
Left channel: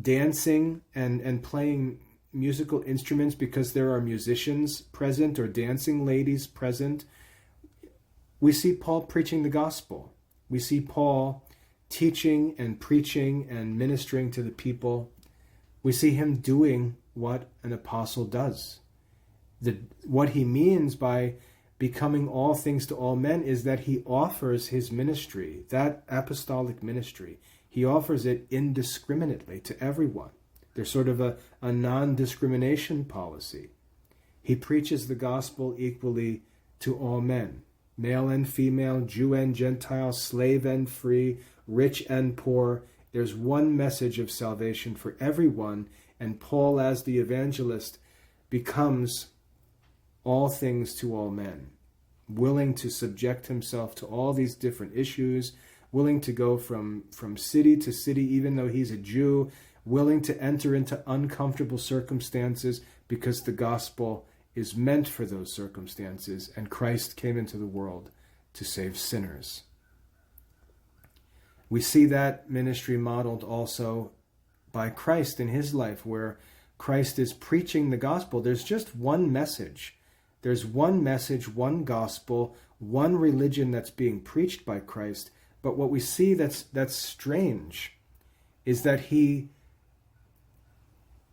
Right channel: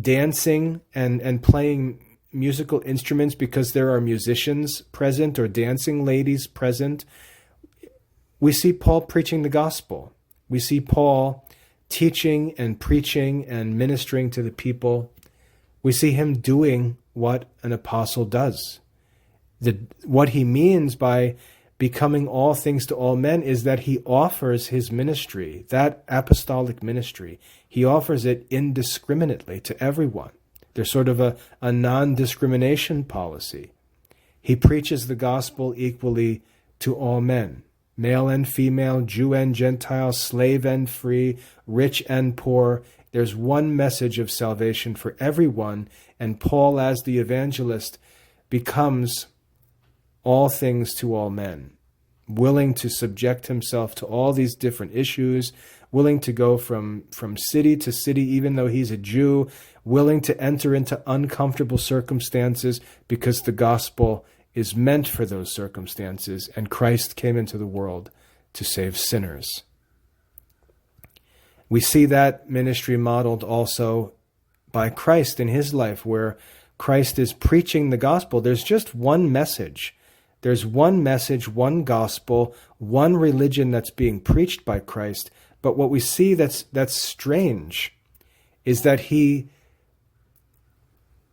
dancing and playing musical instruments because there are musicians present or dancing ladies present. We see Paul preaching the gospel. We see Paul teaching and preaching and ministering to the people. We see him doing what an apostle does. What he means by becoming all things to all men is that he offers his ministry, that apostolic ministry. He offers it indiscriminately to everyone. There's sort of a non-discrimination policy. He preaches the gospel equally to all men, male and female, Jew and Gentile, slave and free, rich and poor. There's one message of salvation for everyone, and Paul, as the evangelist, becomes all things to all men, willing to subject himself to all these different issues, willing to go from city to city, even though he's a Jew, willing to enter into uncomfortable circumstances because the gospel is meant for those circumstances, and Christ came into the world to save sinners. We see that ministry modeled also by Christ in his life, where Christ is preaching the gospel. There's just one message. There's one message, one gospel, one religion that's being preached by Christ. But what we see that's strange is that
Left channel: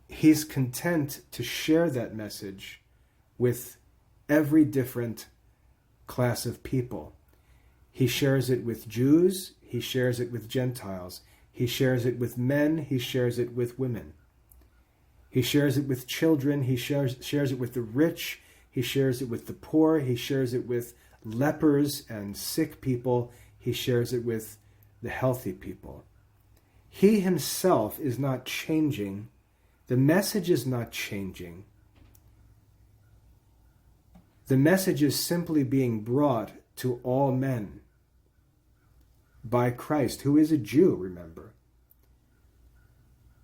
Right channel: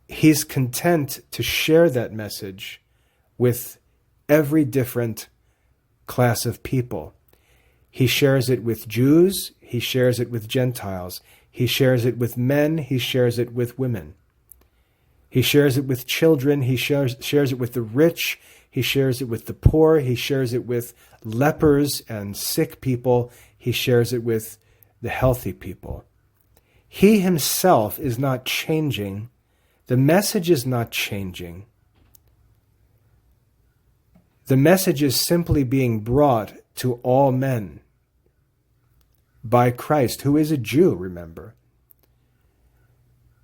he's content to share that message with every different class of people. He shares it with Jews, he shares it with Gentiles, he shares it with men, he shares it with women. He shares it with children, he shares it with the rich, he shares it with the poor, he shares it with lepers and sick people, he shares it with the healthy people. He himself is not changing. The message is not changing. The message is simply being brought to all men by Christ, who is a Jew, remember.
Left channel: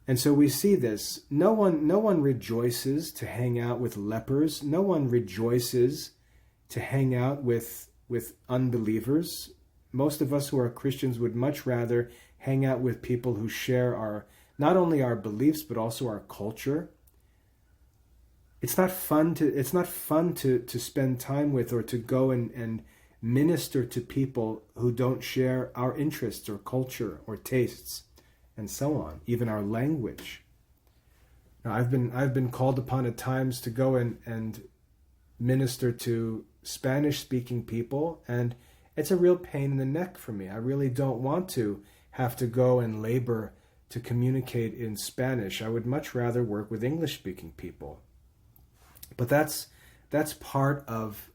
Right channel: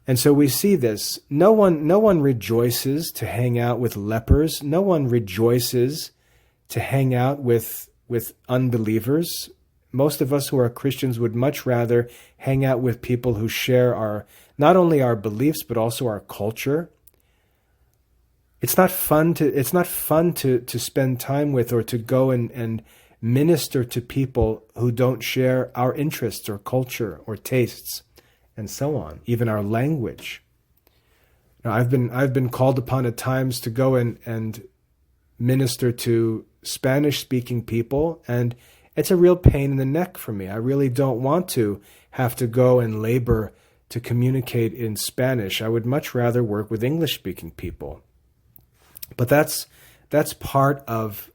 And so we see this. No one rejoices to hang out with lepers. No one rejoices to hang out with unbelievers. Most of us who are Christians would much rather hang out with people who share not only our beliefs but also our culture. It's not fun to spend time with or to go and minister to people who don't share our interests or culture or tastes and so on, even our language. Now, I've been called upon at times to go and minister to Spanish-speaking people, and it's a real pain in the neck for me. I really don't want to have to go and labor to communicate in Spanish. I would much rather work with English-speaking people. But that's part of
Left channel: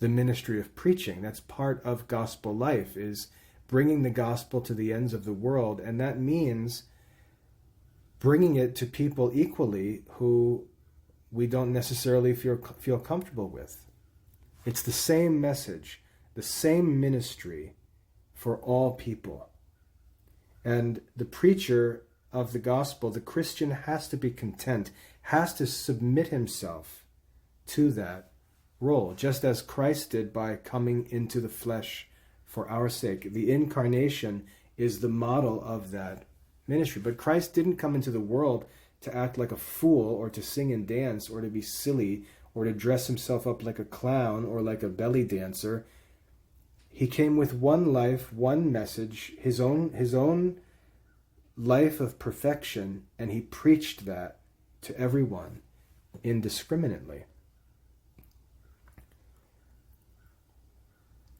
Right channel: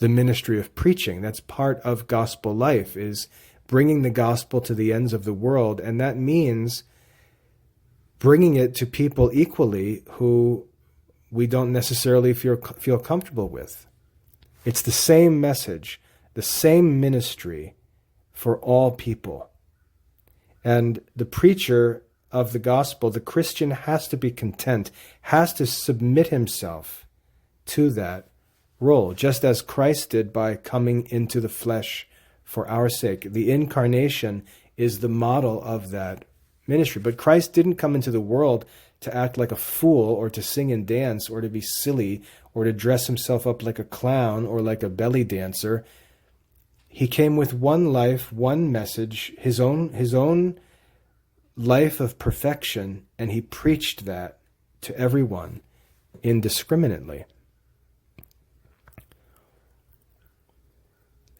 the ministry of preaching. That's part of gospel life, is bringing the gospel to the ends of the world. And that means bringing it to people equally who we don't necessarily feel comfortable with. It's the same message, the same ministry for all people. And the preacher of the gospel, the Christian, has to be content, has to submit himself to that role, just as Christ did by coming into the flesh for our sake. The incarnation is the model of that ministry. But Christ didn't come into the world to act like a fool or to sing and dance or to be silly or to dress himself up like a clown or like a belly dancer. He came with one life, one message, his own life of perfection, and he preached that to everyone indiscriminately.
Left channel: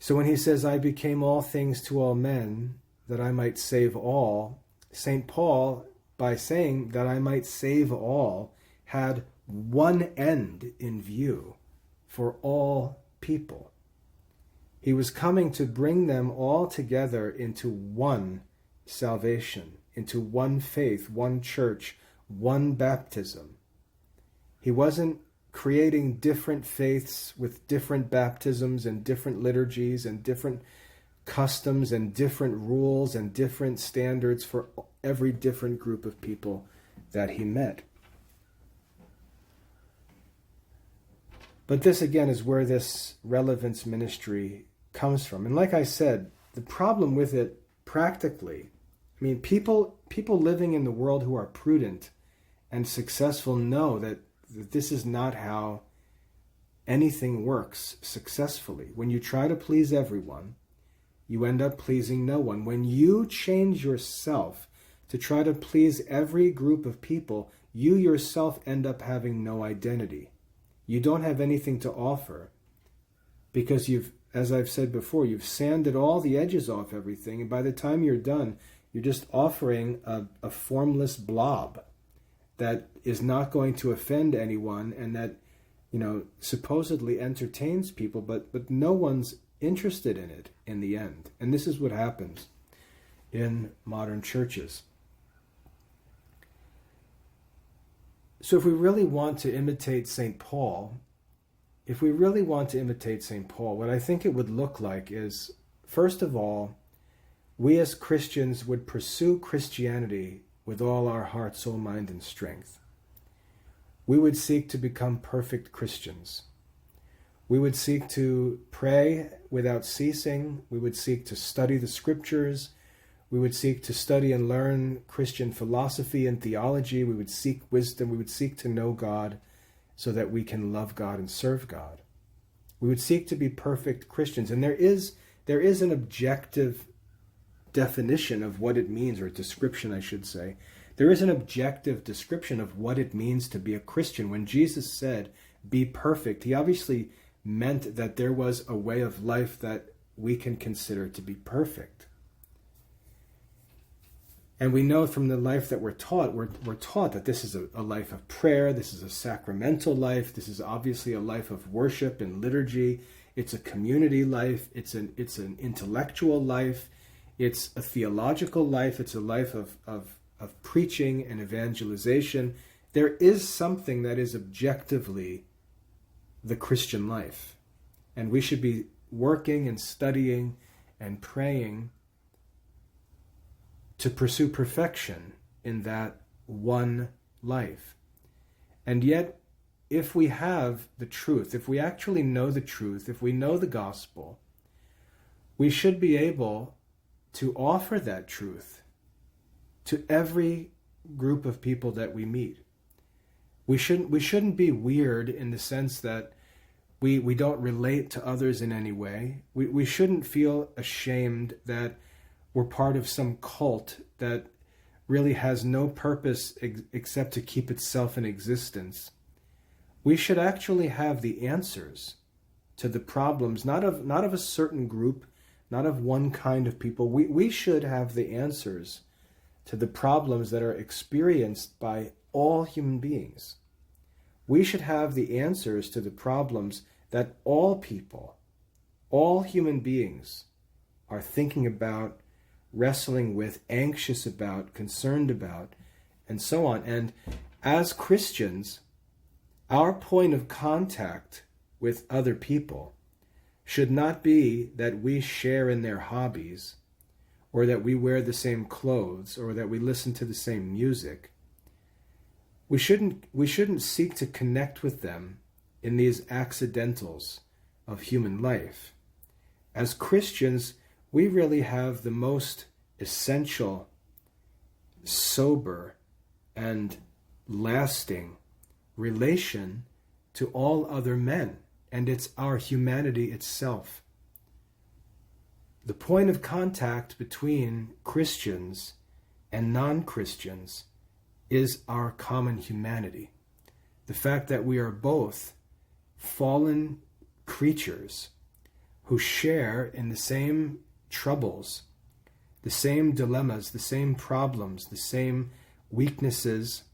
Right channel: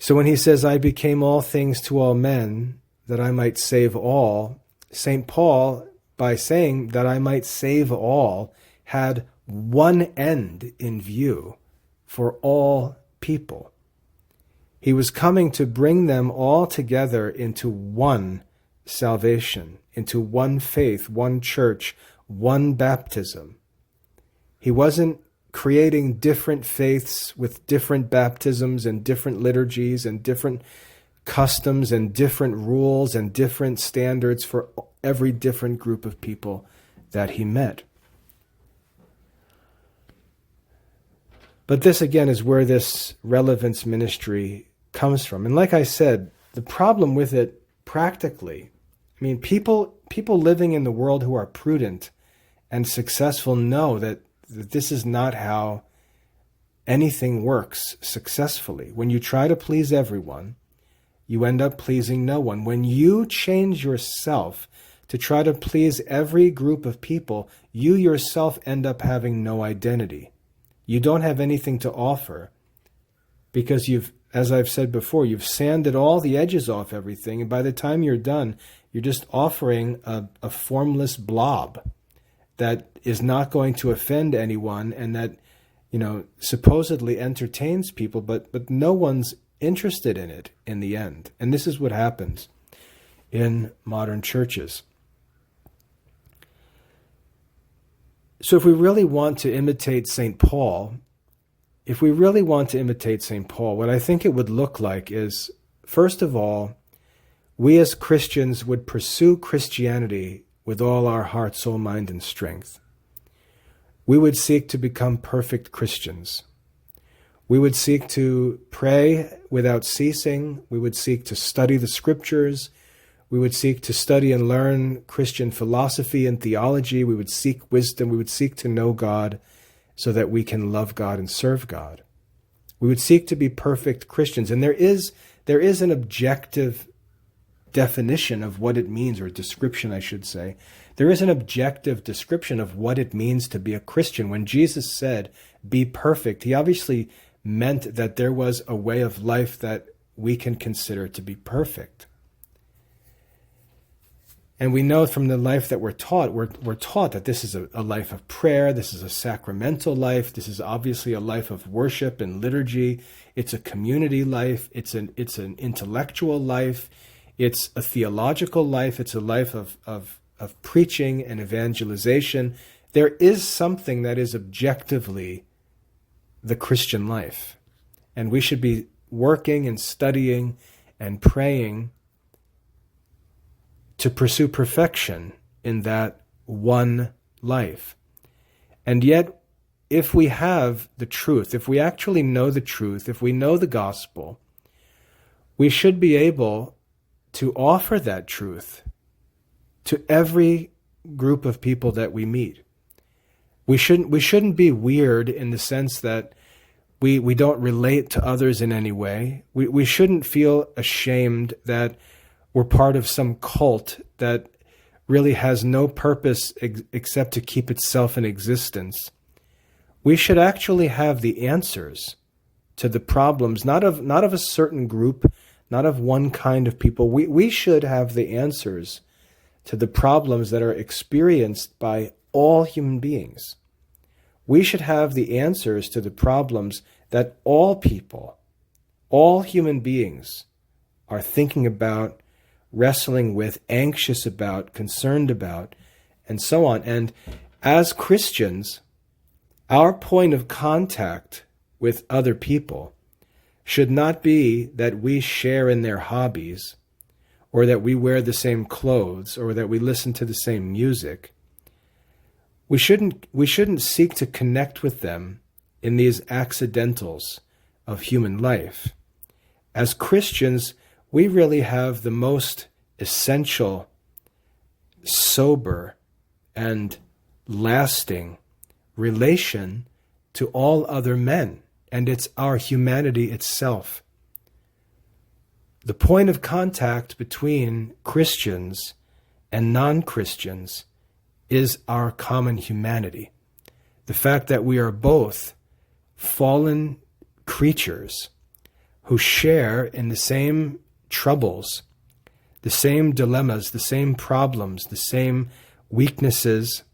So when he says, I became all things to all men, that I might save all, St. Paul, by saying that I might save all, had one end in view for all people. He was coming to bring them all together into one salvation, into one faith, one church, one baptism. He wasn't creating different faiths with different baptisms and different liturgies and different customs and different rules and different standards for every different group of people that he met. But this, again, is where this relevance ministry comes from. And like I said, the problem with it practically, I mean, people living in the world who are prudent and successful know that this is not how anything works successfully. When you try to please everyone, you end up pleasing no one. When you change yourself to try to please every group of people, you yourself end up having no identity. You don't have anything to offer because you've, as I've said before, you've sanded all the edges off everything, and by the time you're done, you're just offering a formless blob that is not going to offend anyone and that, supposedly entertains people, but no one's interested in it in the end. And this is what happens in modern churches. So if we really want to imitate St. Paul, what I think it would look like is, first of all, we as Christians would pursue Christianity with all our heart, soul, mind, and strength. We would seek to become perfect Christians. We would seek to pray without ceasing. We would seek to study the scriptures. We would seek to study and learn Christian philosophy and theology. We would seek wisdom. We would seek to know God so that we can love God and serve God. We would seek to be perfect Christians. And there is an objective definition of what it means, or a description, I should say. There is an objective description of what it means to be a Christian. When Jesus said, be perfect, he obviously meant that there was a way of life that we can consider to be perfect. And we know from the life that we're taught that this is a life of prayer, this is a sacramental life, this is obviously a life of worship and liturgy, it's a community life, it's an intellectual life, it's a theological life, it's a life of preaching and evangelization. There is something that is objectively the Christian life. And we should be working and studying and praying to pursue perfection in that one life. And yet, if we have the truth, if we actually know the truth, if we know the gospel, we should be able to offer that truth to every group of people that we meet. We shouldn't be weird in the sense that we don't relate to others in any way. We shouldn't feel ashamed that we're part of some cult that really has no purpose except to keep itself in existence. We should actually have the answers to the problems, not of a certain group, not of one kind of people. We should have the answers to the problems that are experienced by all human beings. We should have the answers to the problems that all people, all human beings are thinking about, wrestling with, anxious about, concerned about, and so on. And as Christians, our point of contact with other people should not be that we share in their hobbies, or that we wear the same clothes, or that we listen to the same music. We shouldn't seek to connect with them in these accidentals of human life. As Christians, we really have the most essential, sober, and lasting relation to all other men, and it's our humanity itself. The point of contact between Christians and non-Christians is our common humanity. The fact that we are both fallen creatures who share in the same troubles, the same dilemmas, the same problems, the same weaknesses,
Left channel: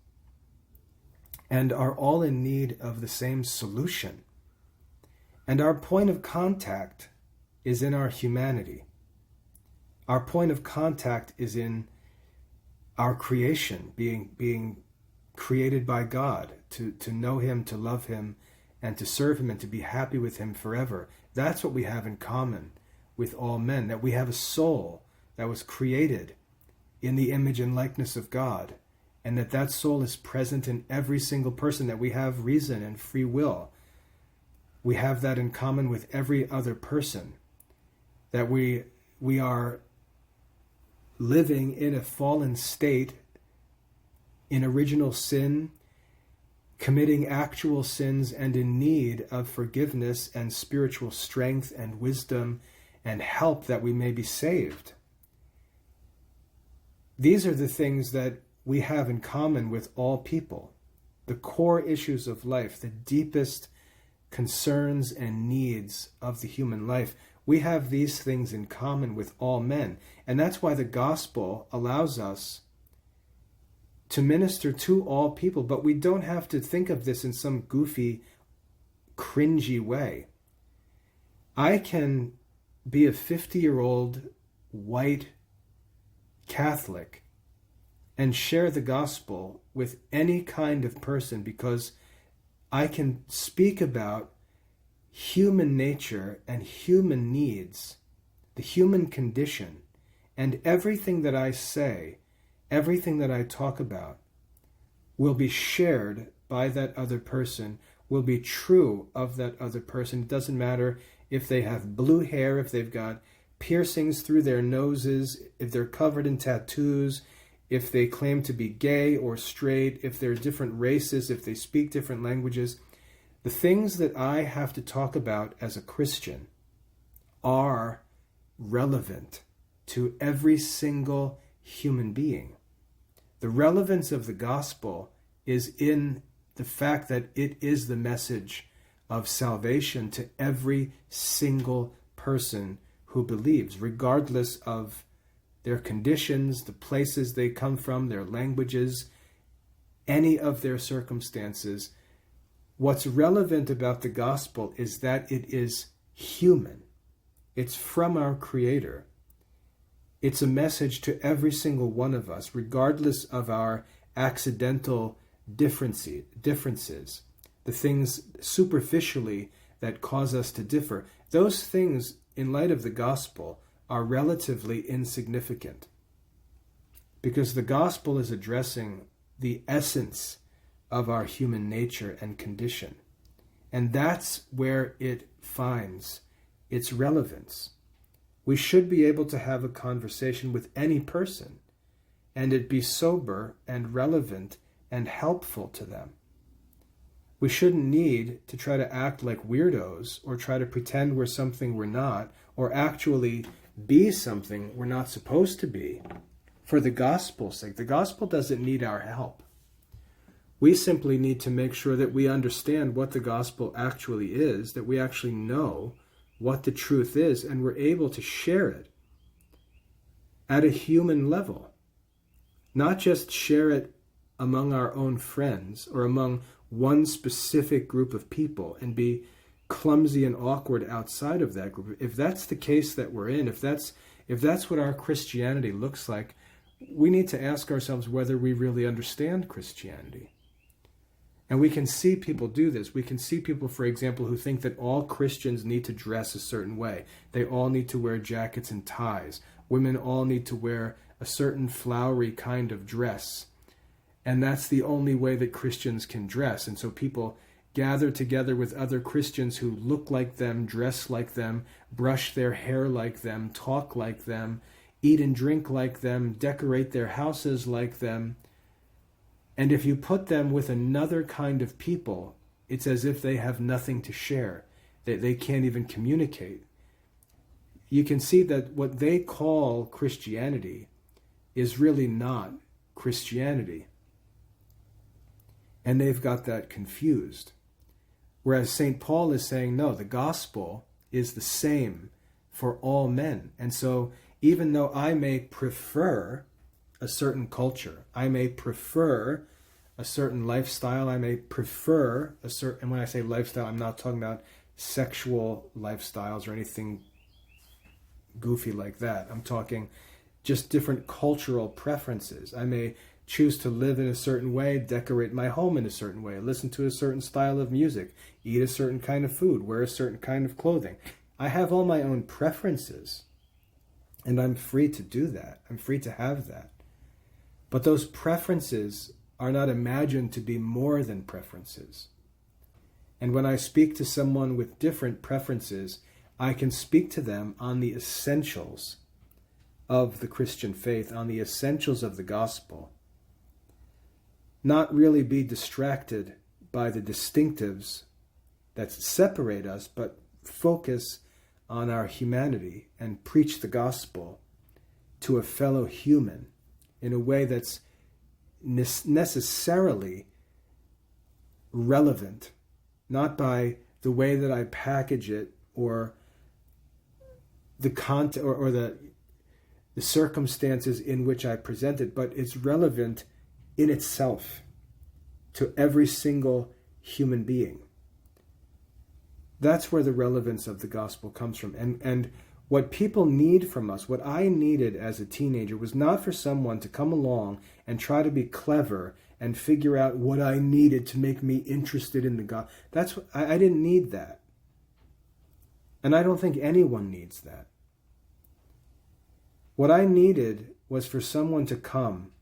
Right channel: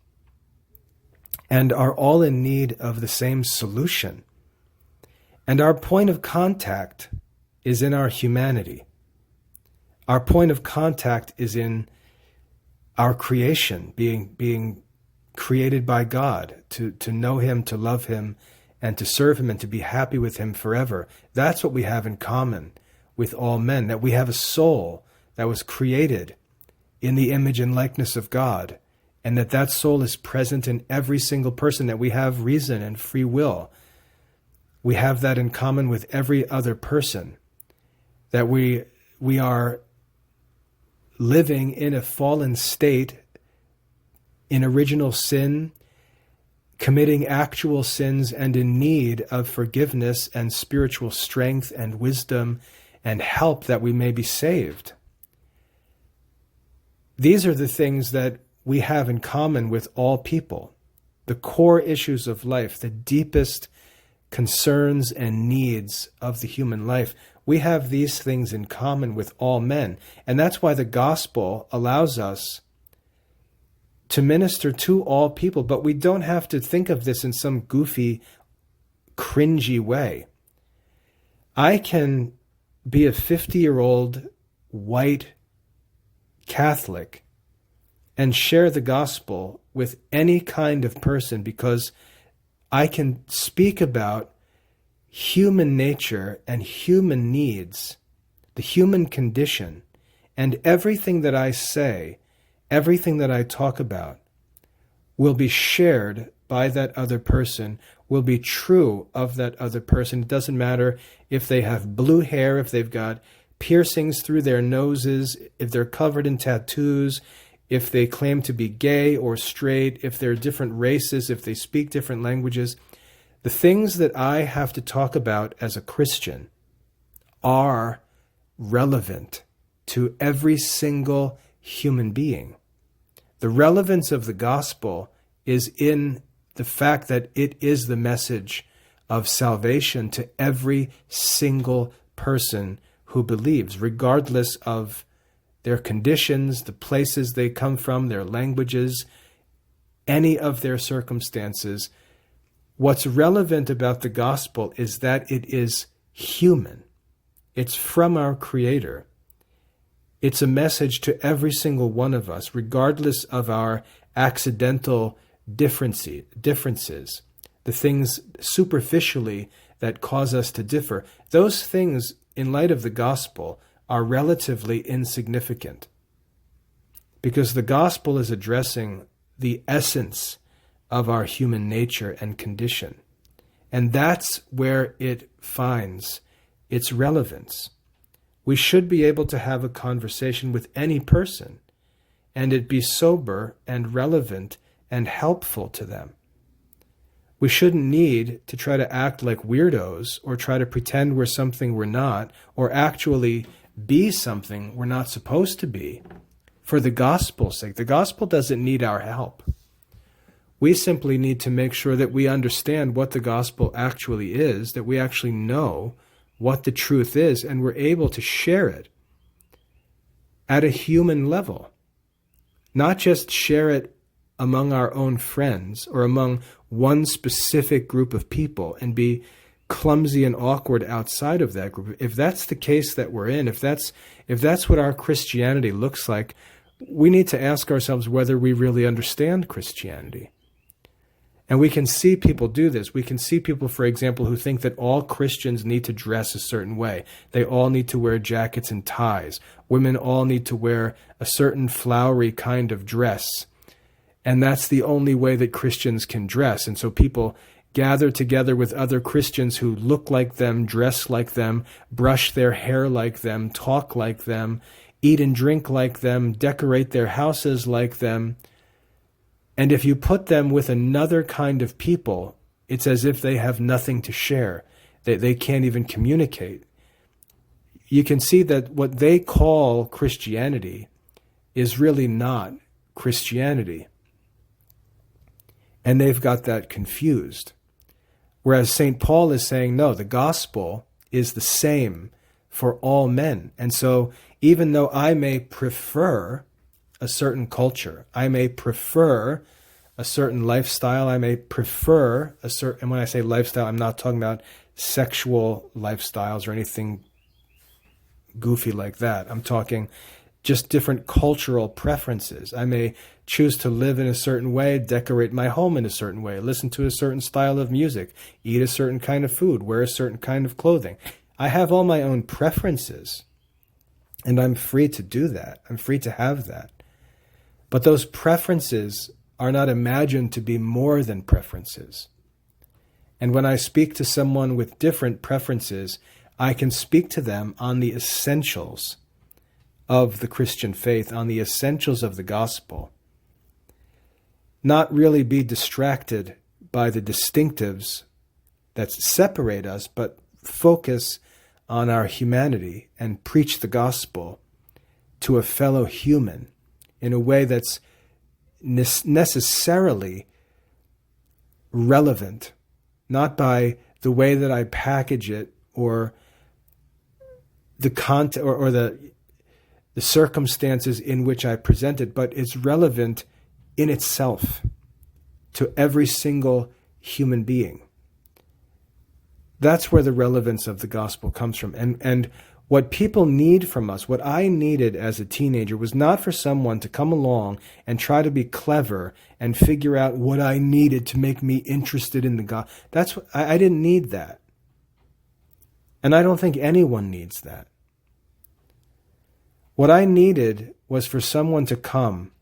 and are all in need of the same solution. And our point of contact is in our humanity. Our point of contact is in our creation, being created by God, to know Him, to love Him, and to serve Him, and to be happy with Him forever. That's what we have in common with all men, that we have a soul that was created in the image and likeness of God, and that soul is present in every single person, that we have reason and free will. We have that in common with every other person, that we are living in a fallen state, in original sin, committing actual sins, and in need of forgiveness and spiritual strength and wisdom and help that we may be saved. These are the things that we have in common with all people, the core issues of life, the deepest concerns and needs of the human life. We have these things in common with all men. And that's why the gospel allows us to minister to all people. But we don't have to think of this in some goofy, cringy way. I can be a 50-year-old white Catholic and share the gospel with any kind of person, because I can speak about human nature and human needs, the human condition, and everything that I say, everything that I talk about will be shared by that other person, will be true of that other person. It doesn't matter if they have blue hair, if they've got piercings through their noses, if they're covered in tattoos, if they claim to be gay or straight, if they're different races, if they speak different languages. The things that I have to talk about as a Christian are relevant to every single human being. The relevance of the gospel is in the fact that it is the message of salvation to every single person who believes, regardless of their conditions, the places they come from, their languages, any of their circumstances. What's relevant about the gospel is that it is human. It's from our Creator. It's a message to every single one of us, regardless of our accidental differences, the things superficially that cause us to differ. Those things, in light of the gospel, are relatively insignificant, because the gospel is addressing the essence of our human nature and condition. And that's where it finds its relevance. We should be able to have a conversation with any person, and it be sober and relevant and helpful to them. We shouldn't need to try to act like weirdos, or try to pretend we're something we're not, or actually be something we're not supposed to be, for the gospel's sake. The gospel doesn't need our help. We simply need to make sure that we understand what the gospel actually is, that we actually know what the truth is, and we're able to share it at a human level. Not just share it among our own friends or among one specific group of people and be clumsy and awkward outside of that group. If that's the case that we're in, if that's what our Christianity looks like, we need to ask ourselves whether we really understand Christianity. And we can see people do this. We can see people, for example, who think that all Christians need to dress a certain way. They all need to wear jackets and ties. Women all need to wear a certain flowery kind of dress. And that's the only way that Christians can dress. And so people gather together with other Christians who look like them, dress like them, brush their hair like them, talk like them, eat and drink like them, decorate their houses like them. And if you put them with another kind of people, it's as if they have nothing to share. They can't even communicate. You can see that what they call Christianity is really not Christianity. And they've got that confused. Whereas St. Paul is saying, no, the gospel is the same for all men. And so even though I may prefer a certain culture, I may prefer a certain lifestyle, I may prefer a certain, and when I say lifestyle, I'm not talking about sexual lifestyles or anything goofy like that. I'm talking just different cultural preferences. I may choose to live in a certain way, decorate my home in a certain way, listen to a certain style of music, eat a certain kind of food, wear a certain kind of clothing. I have all my own preferences, and I'm free to do that. I'm free to have that. But those preferences are not imagined to be more than preferences. And when I speak to someone with different preferences, I can speak to them on the essentials of the Christian faith, on the essentials of the gospel. Not really be distracted by the distinctives that separate us, but focus on our humanity and preach the gospel to a fellow human in a way that's necessarily relevant, not by the way that I package it or the content or the circumstances in which I present it, but it's relevant in itself to every single human being. That's where the relevance of the gospel comes from. And what people need from us, what I needed as a teenager, was not for someone to come along and try to be clever and figure out what I needed to make me interested in the gospel. I didn't need that. And I don't think anyone needs that. What I needed was for someone to come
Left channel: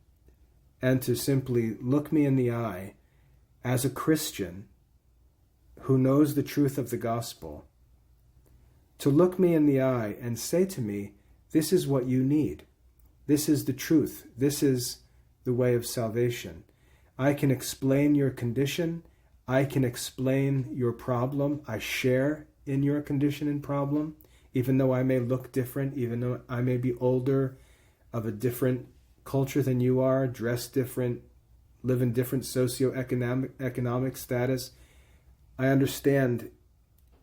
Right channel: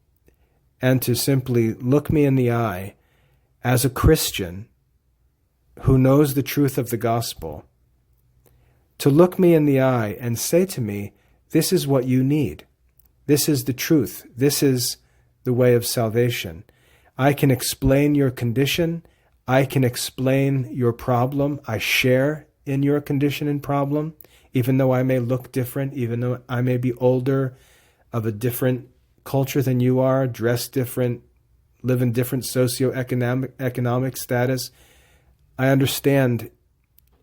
and to simply look me in the eye as a Christian who knows the truth of the gospel, to look me in the eye and say to me, this is what you need. This is the truth. This is the way of salvation. I can explain your condition. I can explain your problem. I share in your condition and problem, even though I may look different, even though I may be older, of a different culture than you are, dress different, live in different socioeconomic status. I understand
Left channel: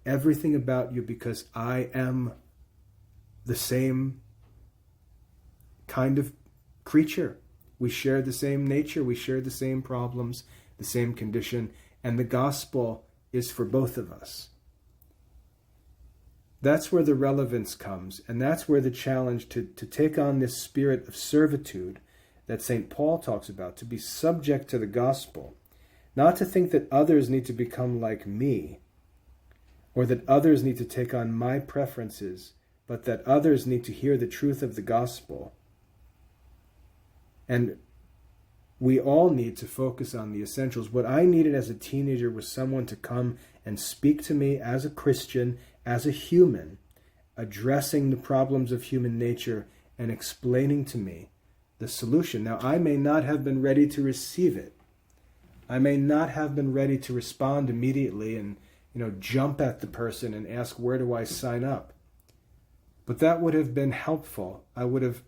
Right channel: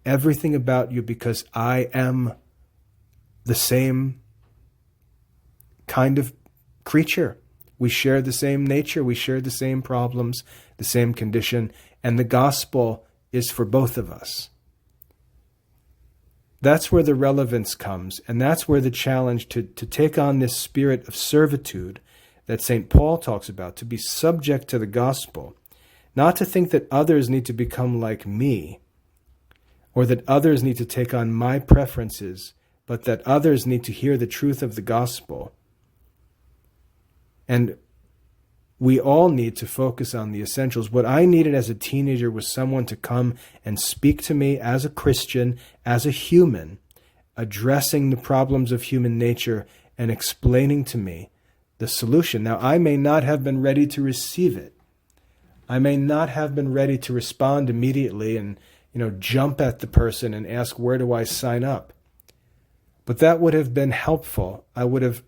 everything about you because I am the same kind of creature. We share the same nature. We share the same problems, the same condition, and the gospel is for both of us. That's where the relevance comes, and that's where the challenge to take on this spirit of servitude that St. Paul talks about, to be subject to the gospel, not to think that others need to become like me, or that others need to take on my preferences, but that others need to hear the truth of the gospel. And we all need to focus on the essentials. What I needed as a teenager was someone to come and speak to me as a Christian, as a human, addressing the problems of human nature and explaining to me the solution. Now, I may not have been ready to receive it. I may not have been ready to respond immediately and, jump at the person and ask, where do I sign up? But that would have been helpful. I would have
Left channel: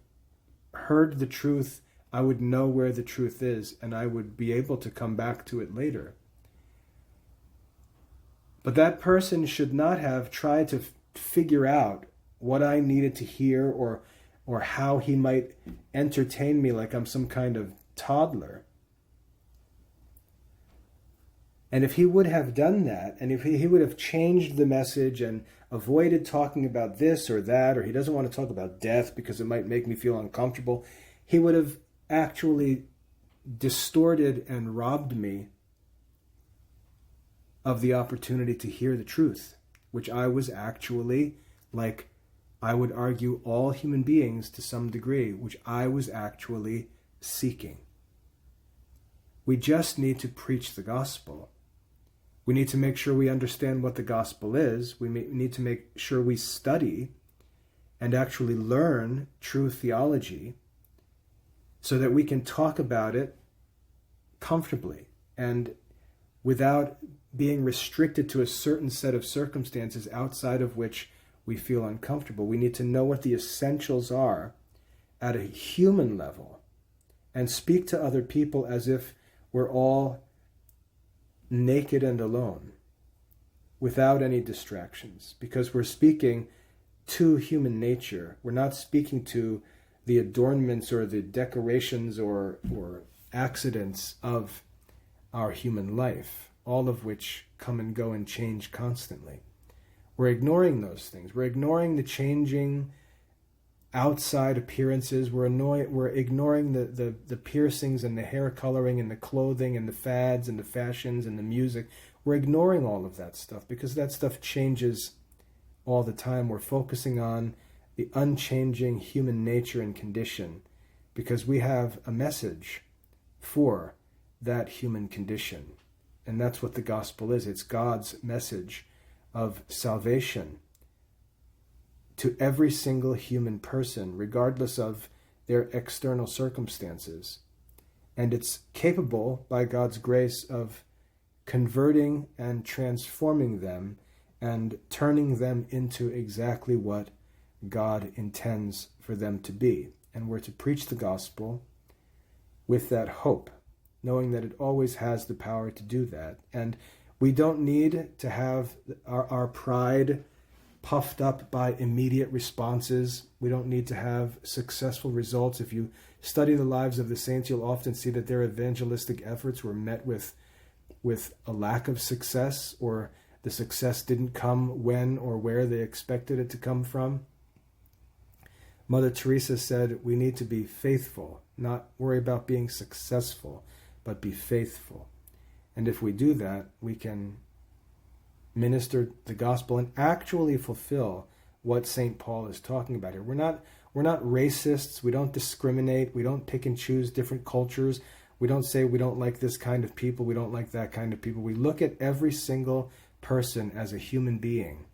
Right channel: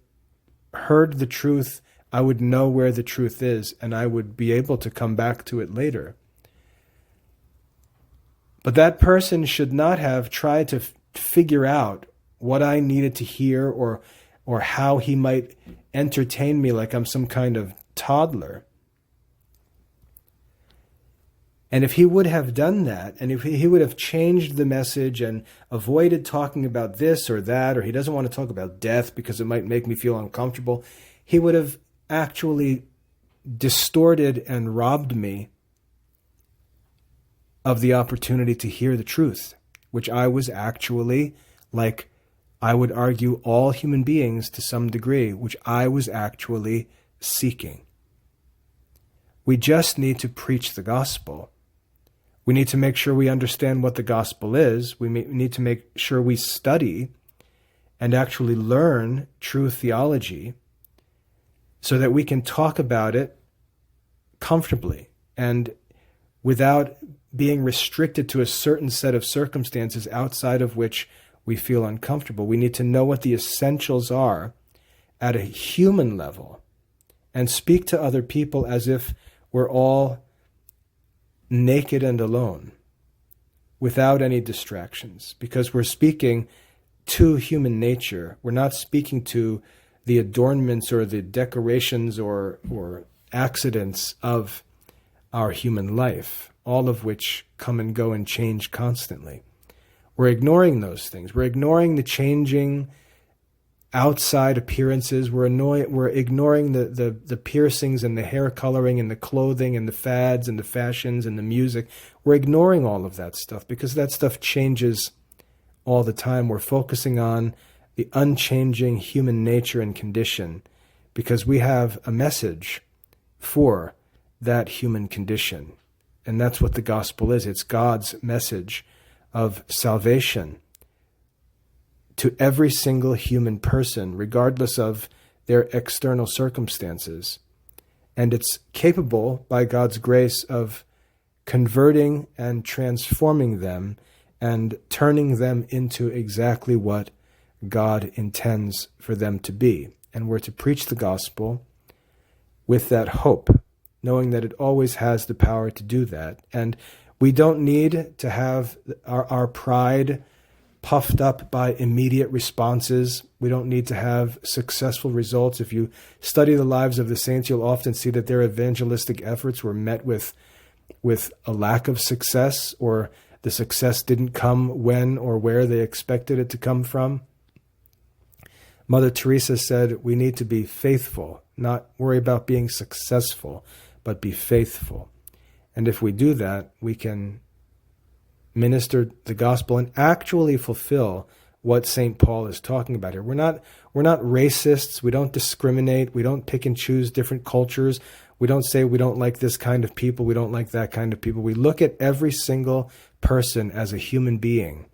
heard the truth. I would know where the truth is, and I would be able to come back to it later. But that person should not have tried to figure out what I needed to hear or how he might entertain me like I'm some kind of toddler. And if he would have done that, and if he would have changed the message and avoided talking about this or that, or he doesn't want to talk about death because it might make me feel uncomfortable, he would have actually distorted and robbed me of the opportunity to hear the truth, which I was actually, like I would argue all human beings to some degree, which I was actually seeking. We just need to preach the gospel. We need to make sure we understand what the gospel is. We need to make sure we study and actually learn true theology so that we can talk about it comfortably and without being restricted to a certain set of circumstances outside of which we feel uncomfortable. We need to know what the essentials are at a human level and speak to other people as if we're all naked and alone. without any distractions, because we're speaking to human nature. We're not speaking to the adornments or the decorations or accidents of our human life, all of which come and go and change constantly. We're ignoring those things. We're ignoring the changing outside appearances. We're ignoring the piercings and the hair coloring and the clothing and the fads and the fashions and the music. We're ignoring all of that stuff because that stuff changes all the time. We're focusing on the unchanging human nature and condition because we have a message for that human condition. And that's what the gospel is. It's God's message of salvation to every single human person, regardless of their external circumstances. And it's capable, by God's grace, of converting and transforming them and turning them into exactly what God intends for them to be. And we're to preach the gospel with that hope, knowing that it always has the power to do that. And we don't need to have our pride puffed up by immediate responses. We don't need to have successful results. If you study the lives of the saints, you'll often see that their evangelistic efforts were met with a lack of success, or the success didn't come when or where they expected it to come from. Mother Teresa said we need to be faithful, not worry about being successful, but be faithful. And if we do that, we can minister the gospel and actually fulfill what St. Paul is talking about here. We're not racists. We don't discriminate. We don't pick and choose different cultures. We don't say we don't like this kind of people. We don't like that kind of people. We look at every single person as a human being,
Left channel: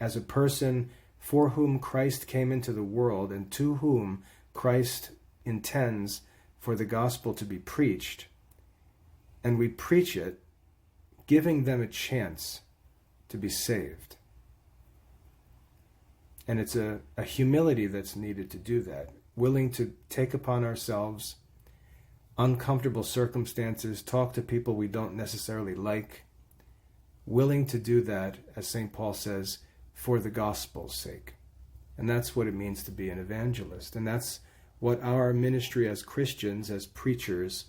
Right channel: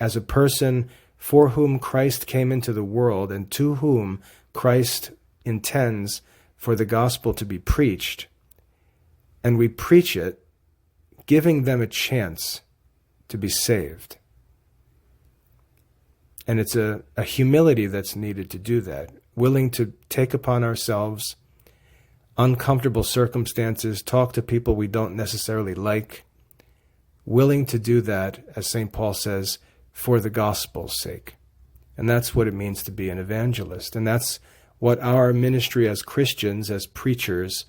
as a person for whom Christ came into the world and to whom Christ intends for the gospel to be preached. And we preach it, giving them a chance to be saved. And it's a humility that's needed to do that, willing to take upon ourselves uncomfortable circumstances, talk to people we don't necessarily like, willing to do that, as St. Paul says, for the gospel's sake. And that's what it means to be an evangelist. And that's what our ministry as Christians, as preachers,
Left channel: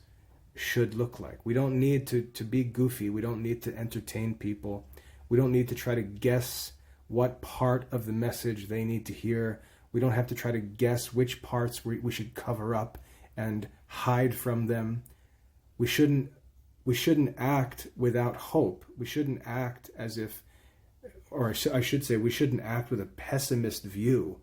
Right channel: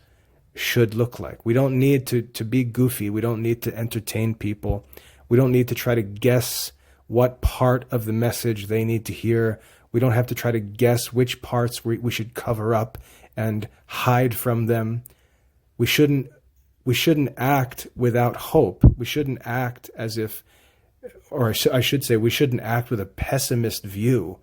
should look like. We don't need to be goofy. We don't need to entertain people. We don't need to try to guess what part of the message they need to hear. We don't have to try to guess which parts we should cover up and hide from them. We shouldn't act without hope. We shouldn't act as if, or I should say, we shouldn't act with a pessimist view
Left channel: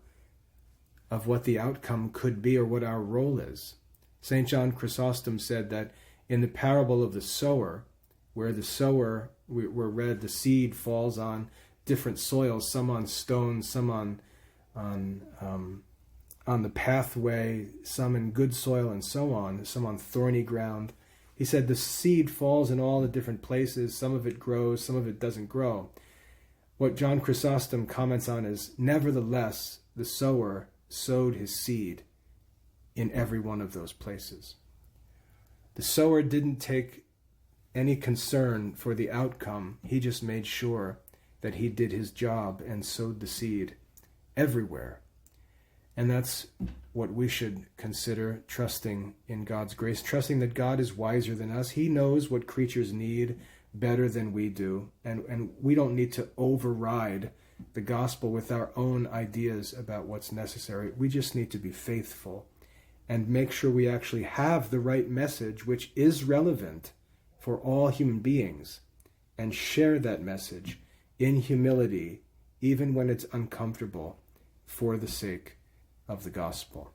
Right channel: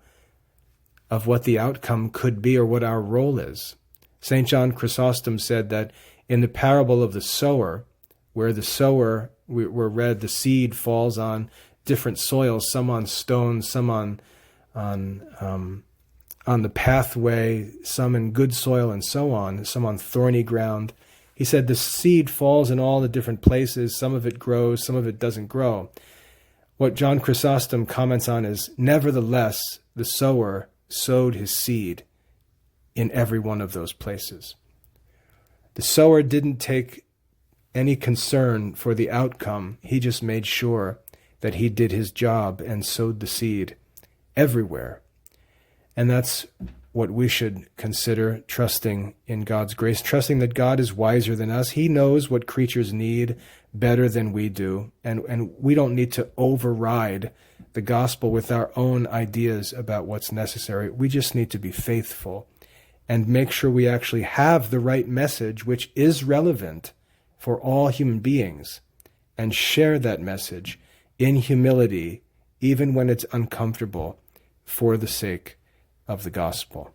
of what the outcome could be or what our role is. St. John Chrysostom said that in the parable of the sower, where the sower, we're read, the seed falls on different soils, some on stones, some on the pathway, some in good soil and so on, some on thorny ground. He said the seed falls in all the different places. Some of it grows, some of it doesn't grow. What John Chrysostom comments on is, nevertheless, the sower sowed his seed in every one of those places. The sower didn't take any concern for the outcome. He just made sure that he did his job and sowed the seed everywhere. And that's what we should consider, trusting in God's grace, trusting that God is wiser than us. He knows what creatures need better than we do, and we don't need to override the gospel with our own ideas about what's necessary. We just need to be faithful and make sure we actually have the right message, which is relevant for all human beings, and share that message in humility, even when it's uncomfortable, for the sake of the gospel.